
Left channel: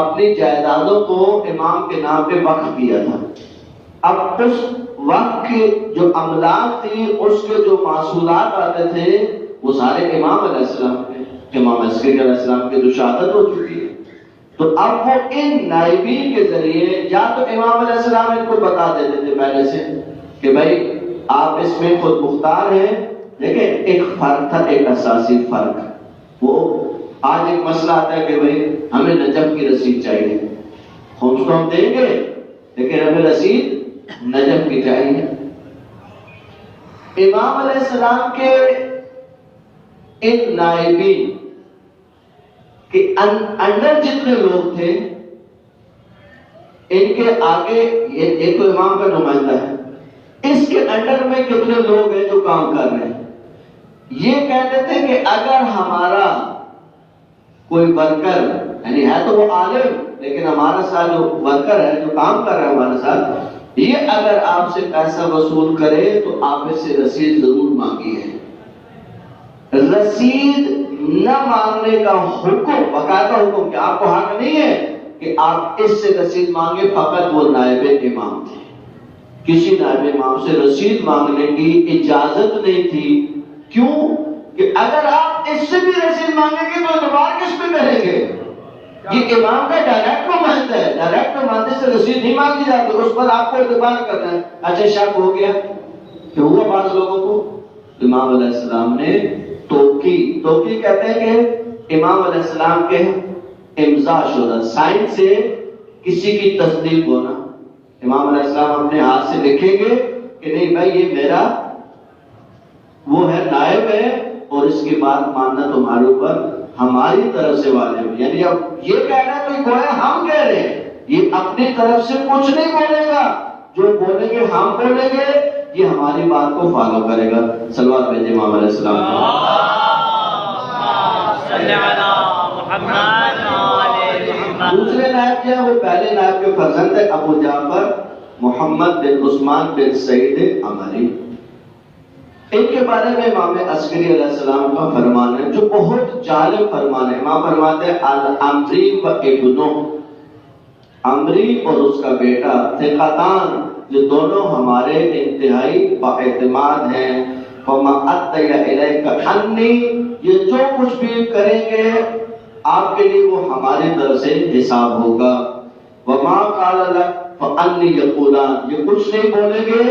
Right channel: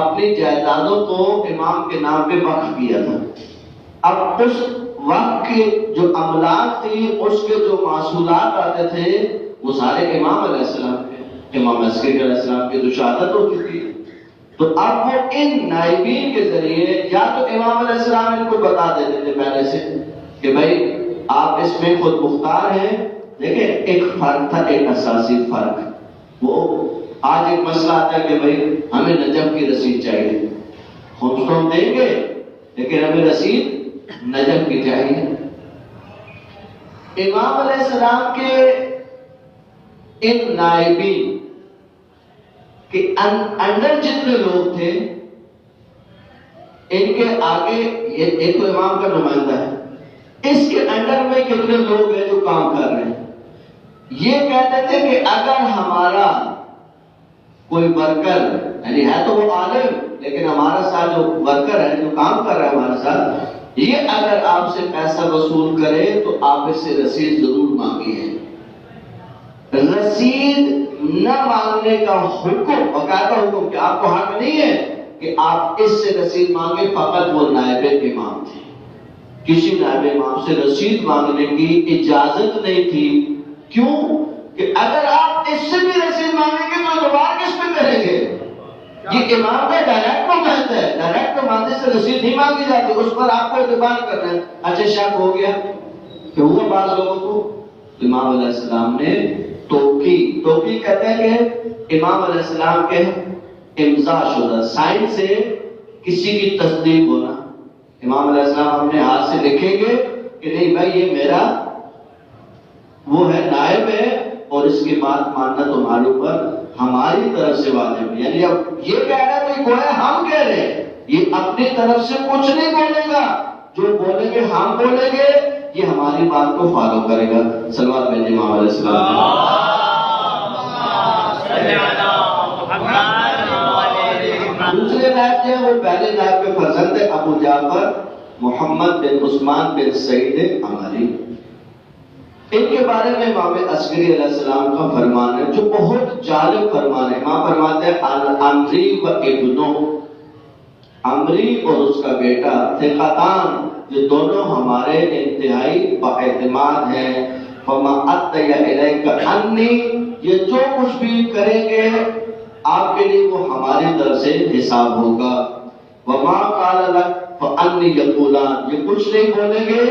اپنی جائیدادوں کو امام کے نام پہ وقف کیا تھا۔ اب اس وقت کی جو املاک تھی، اس کے جو محصولات آتے تھے وہ سارے امام علیہ السلام کے، امام عسکری علیہ السلام کی جو شہادت ہو چکی ہے، تو اب وہ ان نائبین کے ذریعے یا تو امام علیہ السلام ان کو بتا دیتے تھے پہلے سے کہ بھائی آپ اس میں خود مختار ہیں، لیکن ایک فرق تھا، ایک اساسی فرق، وہ آج ایک مسئلہ آتا ہے کہ بھائی ہمیں نجف کی رسید چاہیے، خمس تو ہم دیں گے لیکن ہمیں رسید نجف کی چاہیے۔ امام علیہ السلام کے ان نائبین کے انڈر جتنے لوگ تھے، ان کے آگے ایک تو امام کا نمائندہ ہے، اس کے انڈر میں کتنے لوگ ہیں جو کام کر رہے ہیں۔ یہ کہتے تھے کہ اگر ہمارا کوئی ورکر، یعنی ہے تو وہ عالم لیکن ہمارا ساتھ جو ورکر ہے جو کام کر رہا ہے ہمارے ساتھ، یہ اگر آپ سے پیسہ وصول کرے تو آپ اس سے رسید ضرور مانگیے۔ رسید نہ مانگنے کا حکم، باقاعدہ حکم، کہ آپ کو حق نہیں ہے کہ آپ اس سے رسید مانگے، فقط وہ نائب امام تھے، کسی نائب امام سے رسید مانگنے کی اجازت نہیں تھی۔ کیوں؟ کہ اگر آپ اس سے بھی رسید مانگیں گے تو اعتبار کس پہ کریں گے؟ یہ امام کا ڈائریکٹ نمائندہ ہے، ڈائریکٹ نمائندے سے رسید نہیں مانگی جاتی، اس پر آپ کو اعتبار کرنا ہے۔ اچھا شک ہو گیا کہ ہوا بعض لوگوں کو امام علیہ السلام نے توقی کہتے ہیں کہ امام علیہ السلام کے امضا شدہ سائن سے کسی کی تصدیق ہونا. امام علیہ السلام اپنے ہاتھ سے لکھیں گے کہ نہیں بھائی یہ میرا وہ ہے، نائب ہے، اور اس کی بات ماننا تمہارے اوپر ہماری طرف سے واجب ہے. یعنی اب یہ کہہ رہا ہے تو گویا ہم کہہ رہے ہیں، یہ اپنی طرف سے کچھ نہیں بولے گا، جو بولیں گے ہم بولیں گے، یہ ہماری بات کو فالو کرے گا. صلوات بھیجیں امام علیہ السلام. دوسرے نائب جو ہے وہ پہلے نائب کے فرزند ہے ابو جعفر محمد بن عثمان بن سعید عمری. ان کے بارے میں امام عسکری علیہ السلام کا فرمان ہے جو بہت جالب فرمان ہے. امام فرماتے ہیں عمری و ابنو، عمری اور اس کا بیٹا ثقتان، یہ دونوں ہمارے انتہائی باعتماد ہیں. فما اتیا الیک انی، یہ جو کچھ بھی کریں گے آپ کے لیے وہ ہماری طرف سے حساب ہوگا. وما قال لک فانی یقولان، یہ کچھ نہیں بولیں گے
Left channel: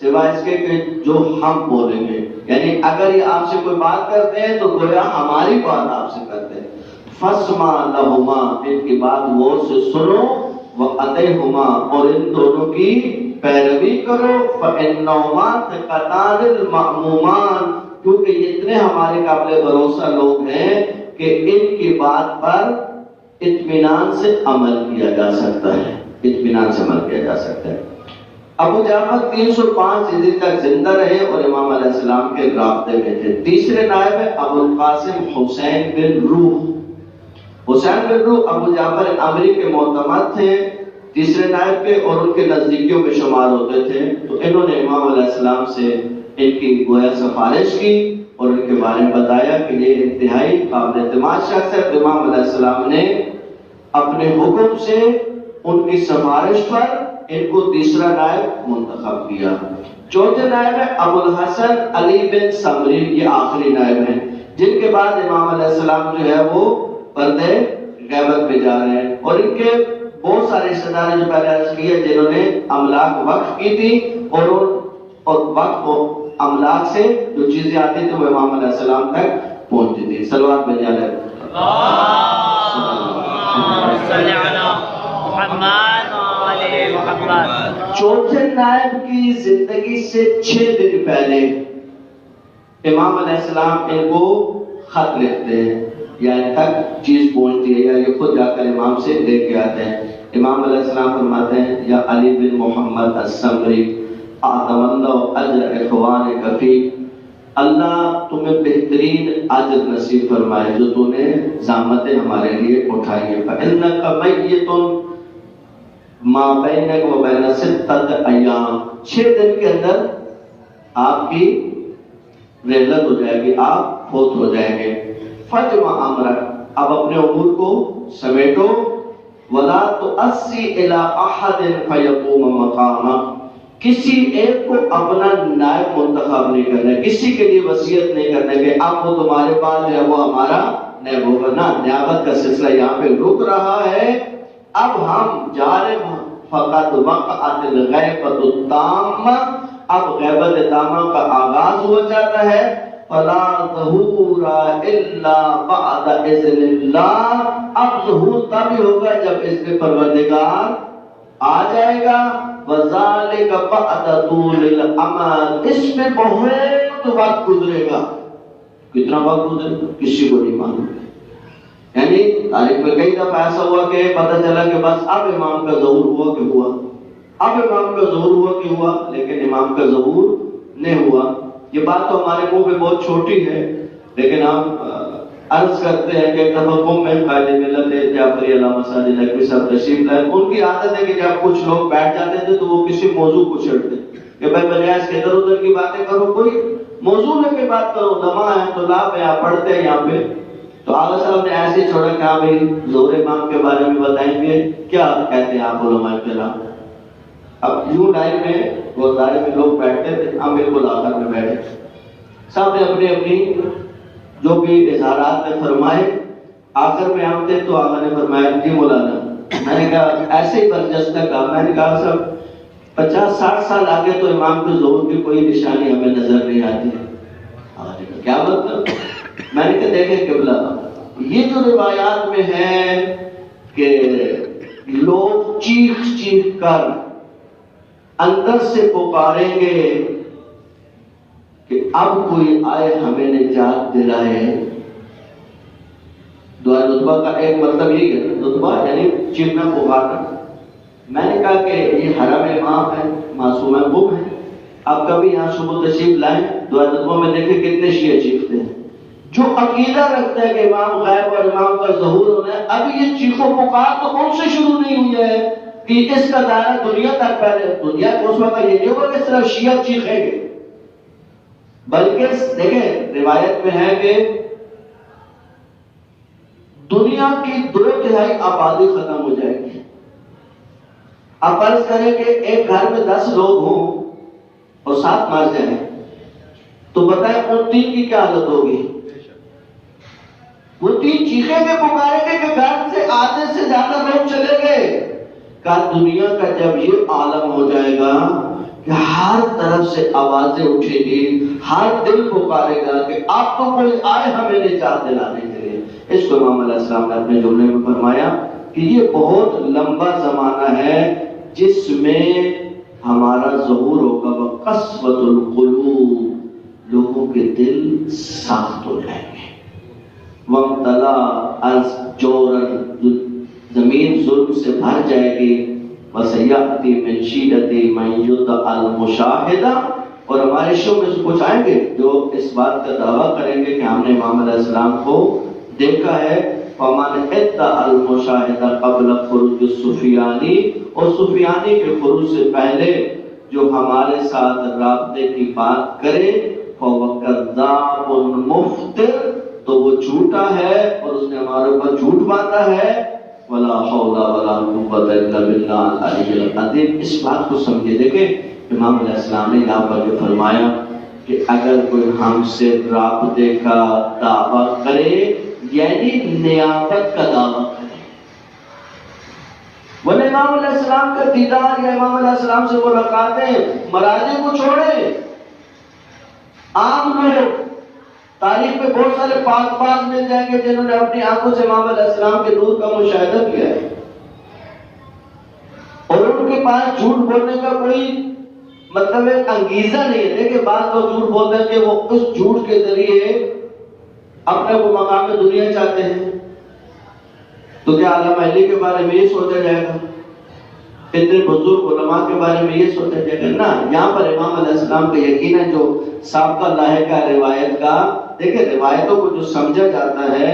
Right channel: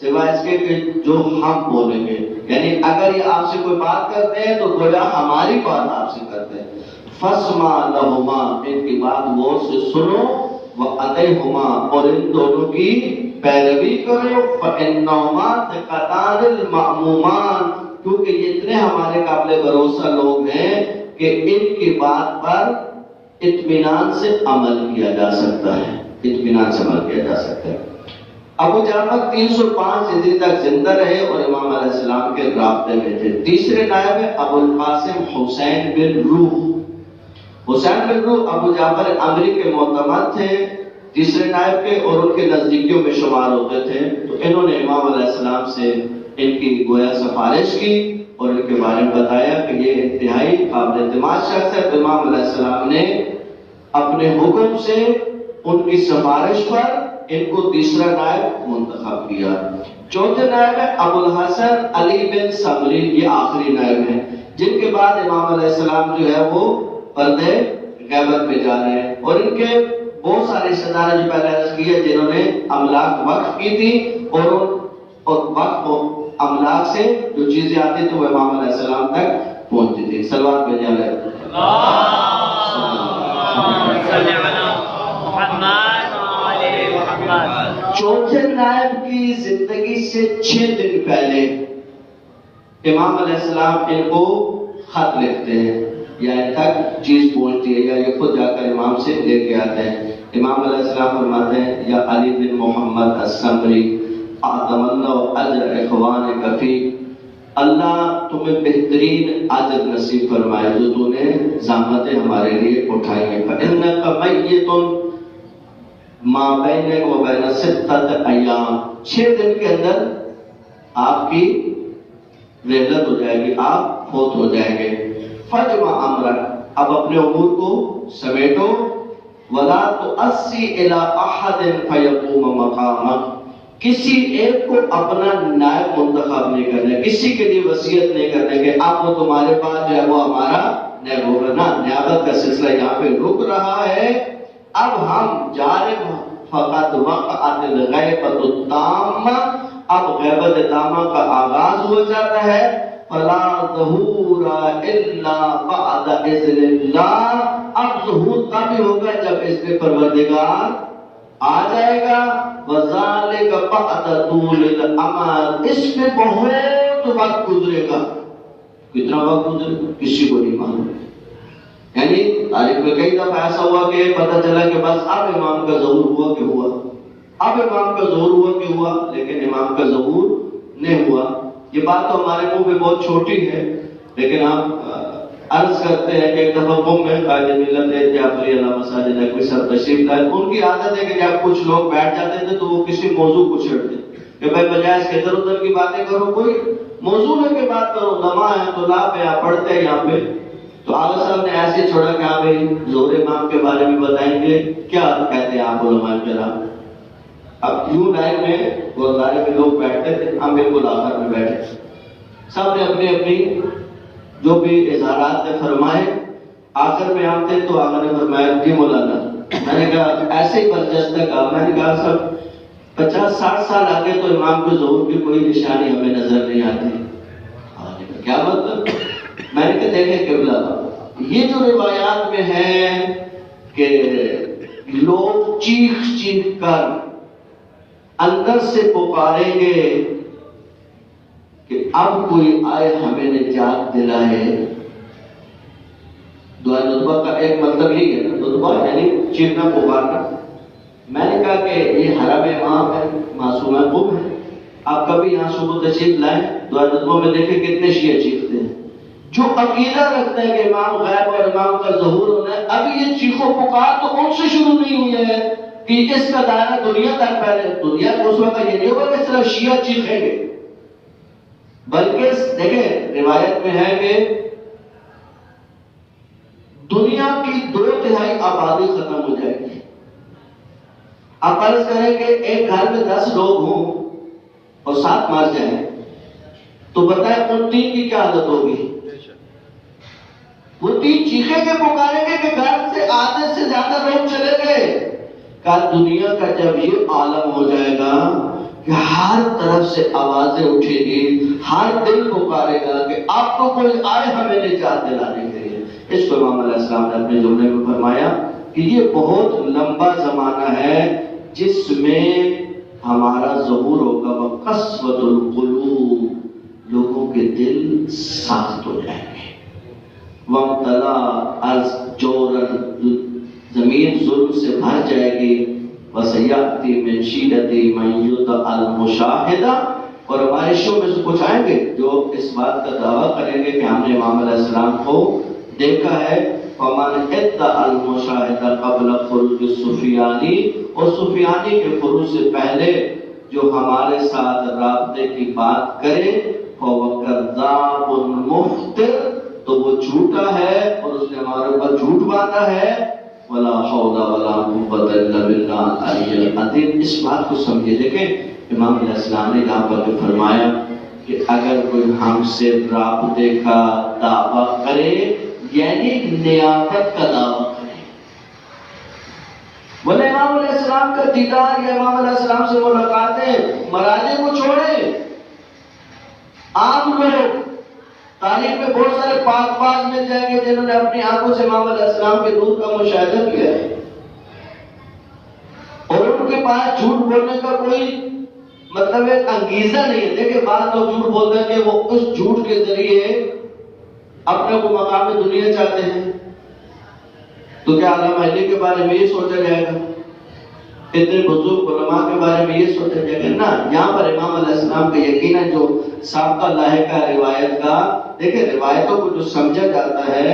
سوائے اس کے کہ جو ہم بولیں گے. یعنی اگر یہ آپ سے کوئی بات کرتے ہیں تو گویا ہماری بات آپ سے کرتے ہیں. فاسمع لہما، ان کی بات غور سے سنو، وَأَطِعْهُمَا، اور ان دونوں کی پیروی کرو. فَإِنَّهُمَا ثِقَتَانِ الْمَأْمُومَانِ، کیونکہ یہ اتنے ہمارے قابل بھروسہ لوگ ہیں کہ ان کی بات پر اطمینان سے عمل کیا جا سکتا ہے، اطمینان سے عمل کیا جا سکتا ہے. ابو جعفر 305 ہجری تک زندہ رہے اور امام علیہ السلام کے رابطے میں تھے. تیسرے نائب ہے ابو القاسم حسین بن روح. حسین بن روح ابو جعفر عمری کے معتمد تھے، تیسرے نائب کے، اور ان کے نزدیکیوں میں شمار ہوتے تھے. تو انہوں نے امام علیہ السلام سے ان کی گویا سفارش کی اور ان کے بارے میں بتایا کہ یہ انتہائی قابل اعتماد شخص ہے. تو امام علیہ السلام نے اپنے حکم سے ان کی سفارش پر ان کو تیسرا نائب منتخب کیا. چوتھے نائب ہے ابو الحسن علی بن سمری، یہ آخری نائب ہیں جن کے بعد امام علیہ السلام جو ہے وہ پردے غیبت میں جا رہے ہیں. اور ان کے بہت سارے رشتہ دار جو پہلے عرض کی ہے جنہوں نے املاک وقف کی تھی، اور وقف املاک سے جو چیزیں آتی تھیں وہ امام علیہ السلام تک پہنچتی تھی. صلوات بھیجیں علیہ. چوتھے نائب کی زندگی سے 6 دن پہلے امام علیہ السلام ان کو خط لکھتے ہیں، یا ان تک چیز پہنچتی ہے یا یہ خود جا کر امام سے لے کے آتے ہیں. امام علیہ السلام فرماتے ہیں یا علی بن محمد السمری، اعظم اللہ اجر اخوانک فی، اللہ تمہیں بہترین اجر نصیب فرمائے جو تو نے زحمتیں ہمارے لیے اٹھائی ہیں. فإنک میت ما بینک و بین 6 ایام، 6 دن کے اندر آپ کی رحلت ہو جائے گی، آپ فوت ہو جائیں گے. فجمع امرک، اب اپنے امور کو سمیٹو. ولا تؤسی الی احد فیقوم مقامک، کسی ایک کو اپنا نائب منتخب نہیں کرنا، کسی کے لیے وصیت نہیں کرنا کہ اب وہ تمہارے پاس جو ہے وہ ہمارا نائب ہوگا. نہ، نیابت کا سلسلہ یہاں پہ رک رہا ہے. اب ہم جا رہے ہیں. فقط وقعت الغیبۃ التامہ، اب غیبت تامہ کا آغاز ہو جاتا ہے. فلا ظہور الا بعد اذن اللہ، اب ظہور تب ہی ہوگا جب اذن پروردگار آ جائے گا. وذالک بعد طول الامد، اس میں بہت وقت گزرے گا. کتنا وقت گزرے گا کسی کو نہیں معلوم. یعنی تاریخ میں کئی دفعہ ایسا ہوا کہ پتہ چلا کہ بس اب امام کا ظہور ہوا کہ ہوا، اب امام کا ظہور ہوا کہ ہوا، لیکن امام کا ظہور نہیں ہوا. یہ بات تو ہمارے منہ میں بہت چھوٹی ہے، لیکن ہم عرض کرتے ہیں کہ ایک دفعہ قوم میں قائد ملت جعفری علامہ ساجد نقوی صاحب تشریف لائے. ان کی عادت ہے کہ جب کچھ لوگ بیٹھ جاتے تھے تو وہ کسی موضوع کو چھیڑتے کہ بھائی بجائے اس کے ادھر ادھر کی باتیں کرو، کوئی موضوع لے کے بات کرو. نما ہے تو لا پہ آپ پڑھتے ہیں یہاں پہ. تو آقا صلی اللہ نے ایسے چھوڑا کہ ہاں بھائی ظہور امام کے بارے میں بتائیں گے، کیا کہتے ہیں آپ علماء کرام. اب یوں ٹائم میں گردوارے میں لوگ بیٹھتے تھے، ہم بالکل آخر میں بیٹھے تھے. سب نے اپنی اپنی جو بھی اظہارات نے فرمائے. آخر میں ہم تھے تو آقا نے فرمایا جی مولانا. میں نے کہا ایسے ہی برجستہ کہا، میں نے کہا سب 50-60 سال آگے تو امام کے ظہور کی کوئی نشانی ہمیں نظر نہیں آتی. کیا مطلب؟ میں نے کہا دیکھیں قبلہ، یہ جو روایات میں ہے کہ لوگ چیخ چیخ کر اندر سے پکاریں گے کہ اب کوئی آئے ہمیں نجات دلائے. دعا ندبہ کا ایک مطلب یہ ہے، ندبہ یعنی چیخنا پکارنا. میں نے کہا کہ یہ حرم امام ہے، معصوم محبوب ہے، آپ کبھی یہاں صبح تشریف لائیں، دعا ندبہ میں دیکھیں کتنے شیعہ چیختے ہیں. جو عقیدہ رکھتا ہے کہ امام غائب اور امام کا ظہور ہونا ہے، ابھی یہ چیخو پکار تو ان سے شروع نہیں ہوئی ہے کہ اس کا دائرہ دنیا تک پہلے. دنیا کو اس وقت یہ نہیں ہوگا کہ صرف شیعہ چیخیں گے، بلکہ دیکھیں روایت میں ہے کہ دنیا کی 2/3 آبادی ختم ہو جائے گی. آپ فرض کریں کہ ایک گھر میں 10 لوگ ہوں اور 7 مر جائیں تو بتائیں ان 3 کی کیا حالت ہوگی؟ وہ 3 چیخیں گے پکاریں گے کہ گھر سے آدھے سے زیادہ لوگ چلے گئے. کہ دنیا کا جب یہ عالم ہو جائے گا کہ ہر طرف سے آوازیں اٹھے گی، ہر دل پکارے گا کہ آپ کو کوئی آئے ہمیں نجات دلانے کے لیے. اس کو امام علیہ السلام نے اپنے جملے میں فرمایا کہ یہ بہت لمبا زمانہ ہے جس میں ہمارا ظہور ہوگا. وقسوۃ القلوب، لوگوں کے دل صاف ہو جائیں گے. وامتلا از جورن، زمین ظلم سے بھر جائے گی. وسیاتی من شیدتی من یدعی المشاہدہ، اور ہمارے شو میں سے کچھ آئیں گے جو اس بات کا دعویٰ کریں گے کہ ہم نے امام علیہ السلام کو دیکھا ہے. ومن ادعی المشاہدہ قبل خروج السفیانی، اور سفیانی کے خروج سے پہلے جو ہمارے ساتھ رابطے کی بات کرے فهو کذاب مفتر، تو وہ جھوٹا ہے اور اس نے ہمارے اوپر جھوٹ باندھا ہے. ولا حول ولا قوت الا باللہ العلی العظیم. اس بات کو سمجھے. دیکھیں امام علیہ السلام نے یہاں پر فرمایا کہ اگر کوئی ہم سے رابطے کا دعویٰ کرے یعنی نیابت کا دعویٰ کرے، بولے امام علیہ السلام کا دیدار یا امام علیہ السلام سے ملاقاتیں، مراجع کو چھوڑے. عام لوگ تاریخ میں بہت سارے پاک باز مل جائیں گے جنہوں نے اپنی آنکھوں سے امام علیہ السلام کے نور کا مشاہدہ کیا ہے، اور ان کے پاس جھوٹ بولنے کا کوئی مطلب ہے انگیزہ نہیں ہے. دیکھیں بعض لوگ جھوٹ بولتے ہیں کہ وہ اس جھوٹ کے ذریعے اپنے کو مقام دنیا چاہتے ہیں. تو کیا علامہ علی کے بارے میں یہ سوچا جائے گا، اتنے بزرگ علماء کے بارے میں یہ سوچا جائے گا؟ نہ. یہاں پر امام علیہ السلام کا یقین ہے جو سابقہ لاحقہ روایت کا. دیکھیں روایتوں کو جو سمجھا جاتا ہے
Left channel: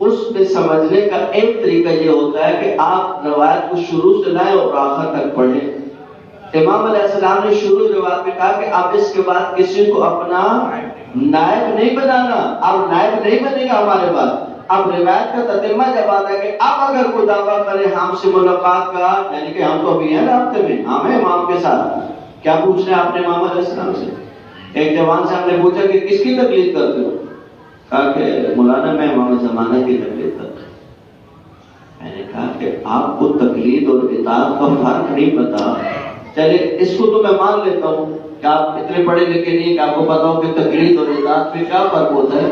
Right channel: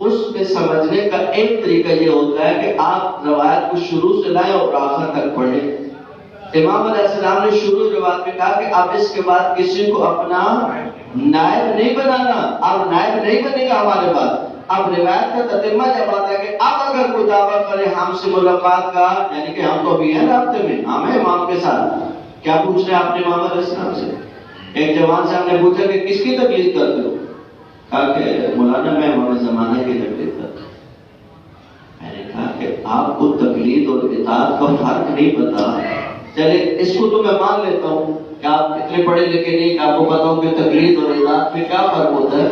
اس میں سمجھنے کا ایک طریقہ یہ ہوتا ہے کہ آپ روایت کو شروع سے لائیں اور آخر تک پڑھیں. امام علیہ السلام نے شروع روایت میں کہا کہ آپ اس کے بعد کسی کو اپنا نائب نہیں بنانا، آپ نائب نہیں بنے گا ہمارے بعد. اب روایت کا تتمہ جب آتا ہے کہ اب اگر کوئی دعویٰ کرے ہم سے ملاقات کا، یعنی کہ ہم تو ابھی ہیں رابطے میں، ہم ہیں امام کے ساتھ. کیا پوچھ رہے ہیں آپ نے امام علیہ السلام سے؟ ایک جوان سے ہم نے پوچھا کہ کس کی تقلید کرتے ہو؟ کہا کہ مولانا میں امام زمانہ کی تقلید کرتا ہوں. میں نے کہا کہ آپ کو تقلید اور اطاعت کا فرق نہیں پتا. چلے اس کو تو میں مان لیتا ہوں کہ آپ اتنے پڑھے لکھے نہیں کہ آپ کو پتا ہو کہ تقلید اور اطاعت میں کیا فرق ہوتا ہے.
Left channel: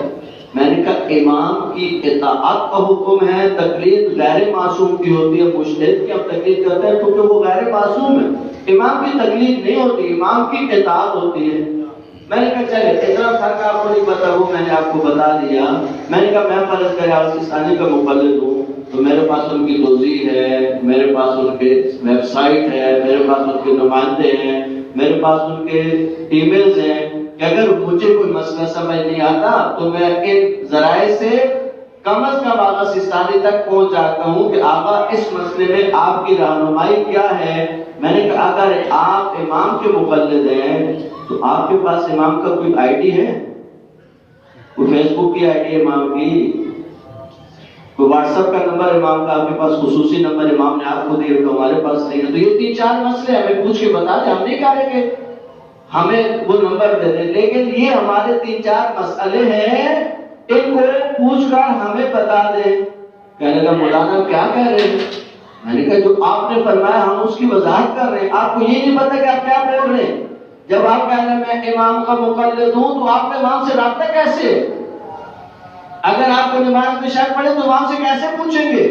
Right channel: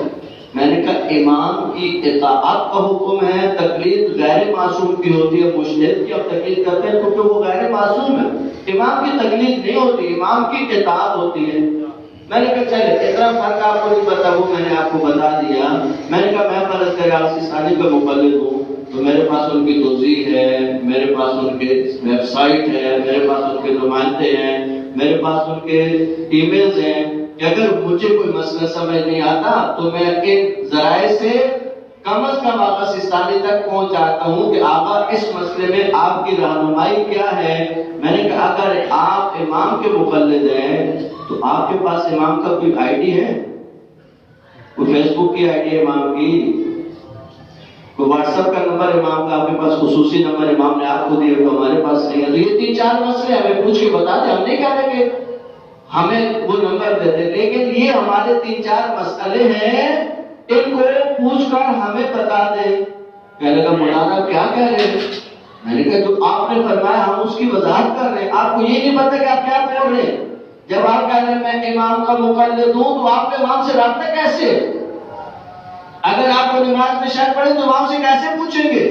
میں نے کہا امام کی اطاعت کا حکم ہے، تقلید غیر معصوم کی ہوتی ہے. مجتہد کی ہم تقلید کرتے ہیں کیونکہ وہ غیر معصوم ہے. امام کی تقلید نہیں ہوتی، امام کی اطاعت ہوتی ہے. میں نے کہا چلے اتنا فرق آپ کو نہیں پتا، وہ میں نے آپ کو بتا دیا. میں نے کہا میں فرض کرے سستانی کا مقلد ہوں تو میرے پاس ان کی توضیح ہے، میرے پاس ان کے ویب سائٹ ہے، میرے پاس ان کے نمائندے ہیں، میرے پاس ان کے ای میلز ہیں کہ اگر مجھے کوئی مسئلہ سمجھ نہیں آتا تو میں ان ذرائع سے کم از کم آقا سستانی تک پہنچ جاتا ہوں کہ آقا اس مسئلے میں آپ کی رہنمائی کیا ہے. میں نے کہا اگر آپ امام کے مقلد ہیں تو آپ کے پاس امام کا کوئی آئی ڈی ہے؟ کوئی فیس بک کی آئی ڈی ہے امام کی؟ کوئی واٹس ایپ کا نمبر امام کا آپ کے پاس خصوصی نمبر امام نے آپ کو دیا تو ہمارے پاس نہیں ہے. تو یہ 3-4 مسئلے ہمیں پوچھ کے بتا دیں. ہم نہیں کہہ رہے کہ ہمیں وہ نمبر دے دیں، لیکن یہ ہمارے 3-4 مسئلے ہیں، ان کو پوچھ کر ہمیں بتا دیں. کہنے لگا مولانا کیا کہہ رہے ہیں؟ میں نے کہا جو آپ نے فرمایا ہم اس کی وضاحت کر رہے ہیں. آپ کو یہ نہیں پتا کہ آپ کیا بول رہے ہیں. جب آپ کہہ رہے ہیں میں امام کا مقلد ہوں تو آپ نے امام سے رابطہ کیسے؟ اگر آپ کو نماز میں شک پڑے تو امام سے کیسے پوچھیں گے؟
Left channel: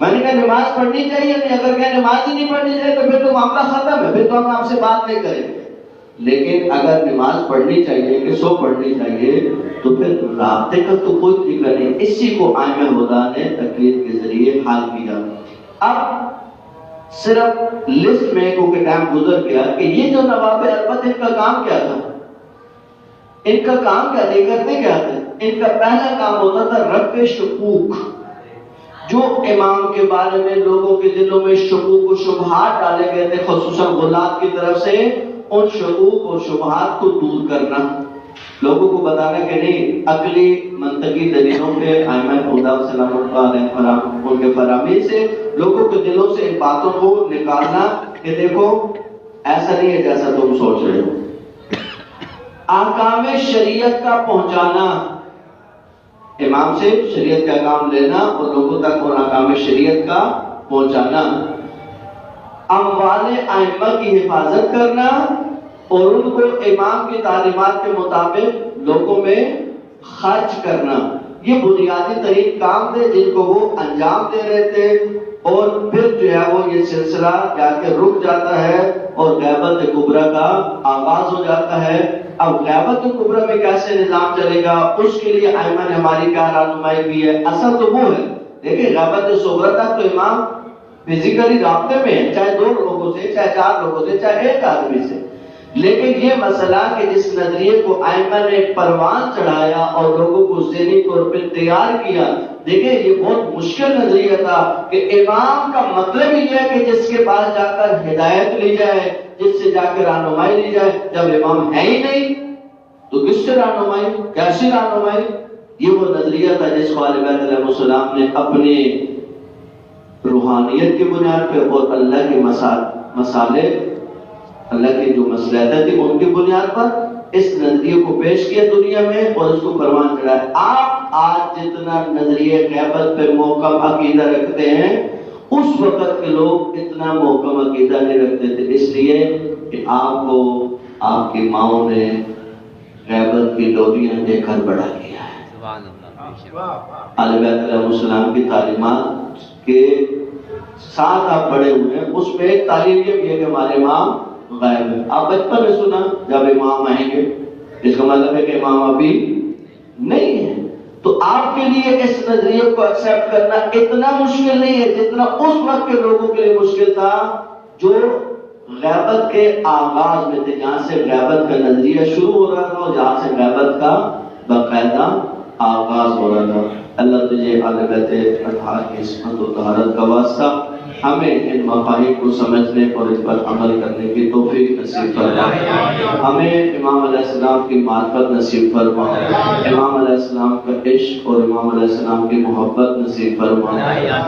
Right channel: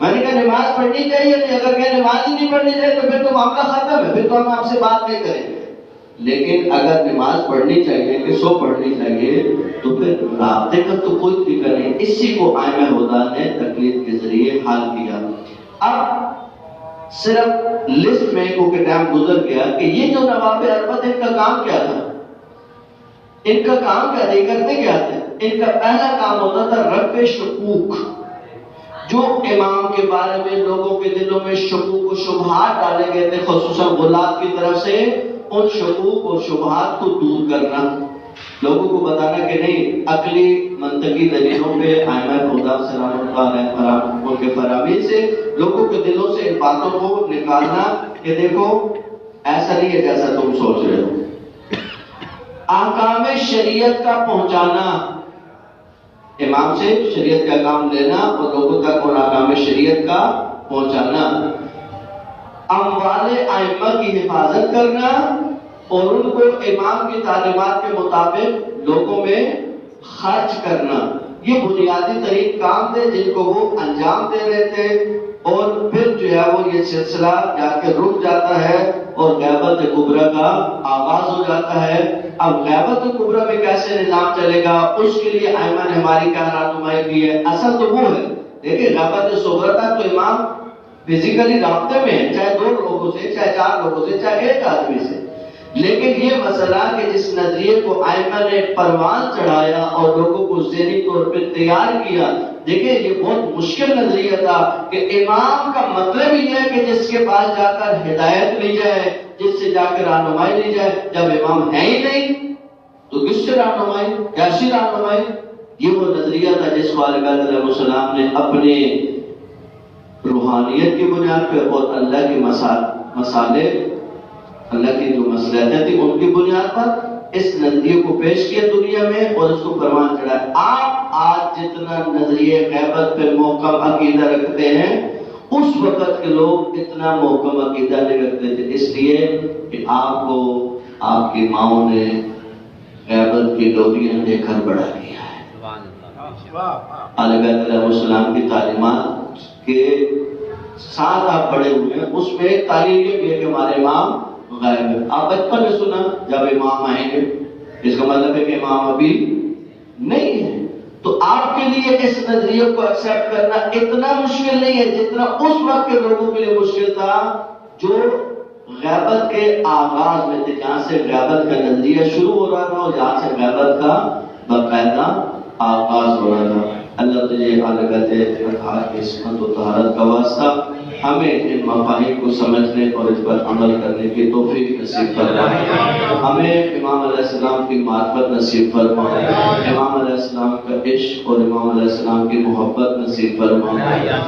میں نے کہا نماز پڑھنی چاہیے نہیں، اگر کہ نماز ہی نہیں پڑھنی چاہیے تو پھر تو معاملہ ختم ہے، پھر تو ہم آپ سے بات نہیں کریں گے۔ لیکن اگر نماز پڑھنی چاہیے کہ سو پڑھنی چاہیے تو پھر رابطے کا تو کوئی طریقہ نہیں۔ اسی کو ائمہ ہدی نے تقلید کے ذریعے حل کیا۔ اب صرف لسٹ میں کو کہ ٹائم گزر گیا کہ یہ جو نواب اربد ان کا کام کیا تھا، ان کا کام کیا تھا، یہ کرتے کیا تھے؟ ان کا پہلا کام ہوتا تھا رفع شکوک، جو امام کے بارے میں لوگوں کے دلوں میں شکوک و شبہات ڈالے گئے تھے خصوصاً غلاۃ کی طرف سے، ان شکوک اور شبہات کو دور کرنا، لوگوں کو بتانا کہ نہیں عقلی منطقی دلیلوں پہ ائمہ خدا سلامت علیہ ان کے فراہمی سے لوگوں کے دلوں سے ان باتوں کو نکالنا کہ دیکھو ایسا نہیں ہے جیسا تم سوچ رہے ہو۔ احکام شریعت کا پہنچانا، امام سے شریعت کا احکام لینا اور لوگوں تک اور احکام شریعت کا پہنچانا، اموال ائمہ کی حفاظت کرنا اور ان کو امام کی تعلیمات کے مطابق لوگوں میں خرچ کرنا، یہ بنیادی ترین کام تھے جن کو وہ انجام دے رہے تھے۔ اور پھر جو ہے وہ یہ سلسلہ جا کے رک جاتا ہے اور غیبت کبریٰ کا آغاز ہو جاتا ہے۔ اب غیبت کبریٰ میں کیسے نظام چلے گا، اس کے لیے ائمہ نے ہماری کیا رہنمائی کی ہے؟ اصل تو وہ ہے، دیکھیں غیبت صغریٰ کا تو امام فزیکلی رابطے میں ہے، چاہے 2 لوگوں سے، چاہے 4 لوگوں سے، چاہے 1 آدمی سے، لیکن یہ مسئلہ کہ جس نظریے کو ائمہ نے پروان چڑھایا اور لوگوں کو ذہنی طور پر تیار کیا، دیکھیں یہ بہت مشکل نظریہ تھا کہ امام کا مطلب یہ ہے کہ جس کے پاس جا کر ہدایت لی جائے، جس سے جا کر رہنمائی لی جائے۔ جب امام ہے ہی نہیں تو کس سے رہنمائی، کیسی رہنمائی؟ یہ وہ نظریہ تھا جس کو علیہ السلام نے اپنے روحانیت کی بنیاد پہ اور اللہ کے مسالے، اللہ کی جو مصلحتیں تھی ان کی بنیاد پر اس نظریے کو پیش کیا دنیا میں اور اس کو پروان چڑھایا۔ آپ آج جتنا نظریے غیبت پہ محکم عقیدہ رکھتے ہیں، اس وقت کے لوگ اتنا محکم عقیدہ نہیں رکھتے تھے، اس لیے کہ آپ کو آپ کی ماؤں نے غیبت کی ڈوریاں دے کر بڑا کیا ہے۔ علیہ السلام کی تعلیمات کے ساتھ آپ بڑے ہوئے ہیں، اس میں ایک تعلیم یہ بھی ہے کہ ہمارے امام غائب ہے۔ آپ بچپن میں سنا جب امام آئیں گے، اس کا مطلب ہے کہ امام ابھی نہیں ہے، تو آپ کے لیے اس نظریے کو ایکسپٹ کرنا اتنا مشکل نہیں ہے جتنا اس وقت کے لوگوں کے لیے مشکل تھا جو غیبت کے آغاز میں تھے، جہاں سے غیبت کا نظریہ شروع ہو رہا تھا اور جہاں سے غیبت کا باقاعدہ آغاز ہو رہا تھا۔ اللہ تجھے عالقت اطہار کی عصمت و طہارت کا واسطہ ہمیں ان مفاہیم کو سمجھنے اور اس پر عمل کرنے کی توفیق نصیب فرما، ہمیں امام علیہ السلام کی معرفت نصیب فرما، امام علیہ السلام کا عشق اور امام علیہ السلام کی محبت نصیب فرما،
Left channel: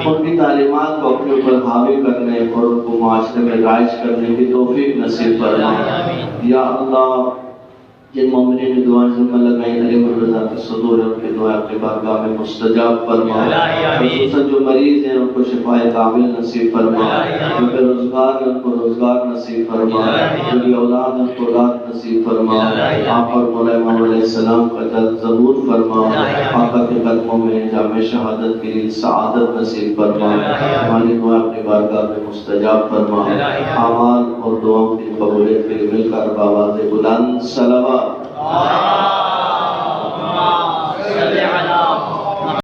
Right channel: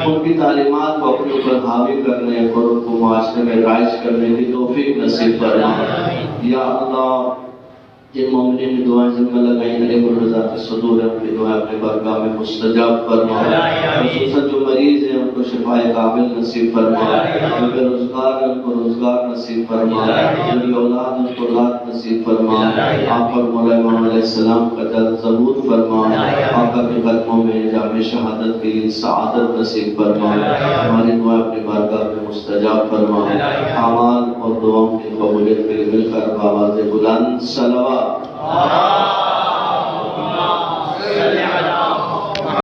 ان کی تعلیمات کو اپنے اوپر حاوی کرنے اور ان کو معاشرے میں رائج کرنے کی توفیق نصیب فرما۔ یا اللہ جن مومنین کی دعائیں ذمہ لگائیں علیہ الرضا کے صدور ان کی دعائیں اپنے بارگاہ میں مستجاب فرما، خصوصاً جو مریض ہیں ان کو شفاء کامل نصیب فرما، جو بے روزگار ہیں ان کو روزگار نصیب فرما، جو بے اولاد ان کو اولاد نصیب فرما، آپ اور مولا امام علیہ السلام کا جلد ظہور فرما، آقا کے قدموں میں جام شہادت کے لیے سعادت نصیب فرما، ہماری دعائیں اپنے بارگاہ میں مستجاب فرما، اعمال اور دعاؤں کی قبولیت کے لیے مل کر بآواز بلند صلوات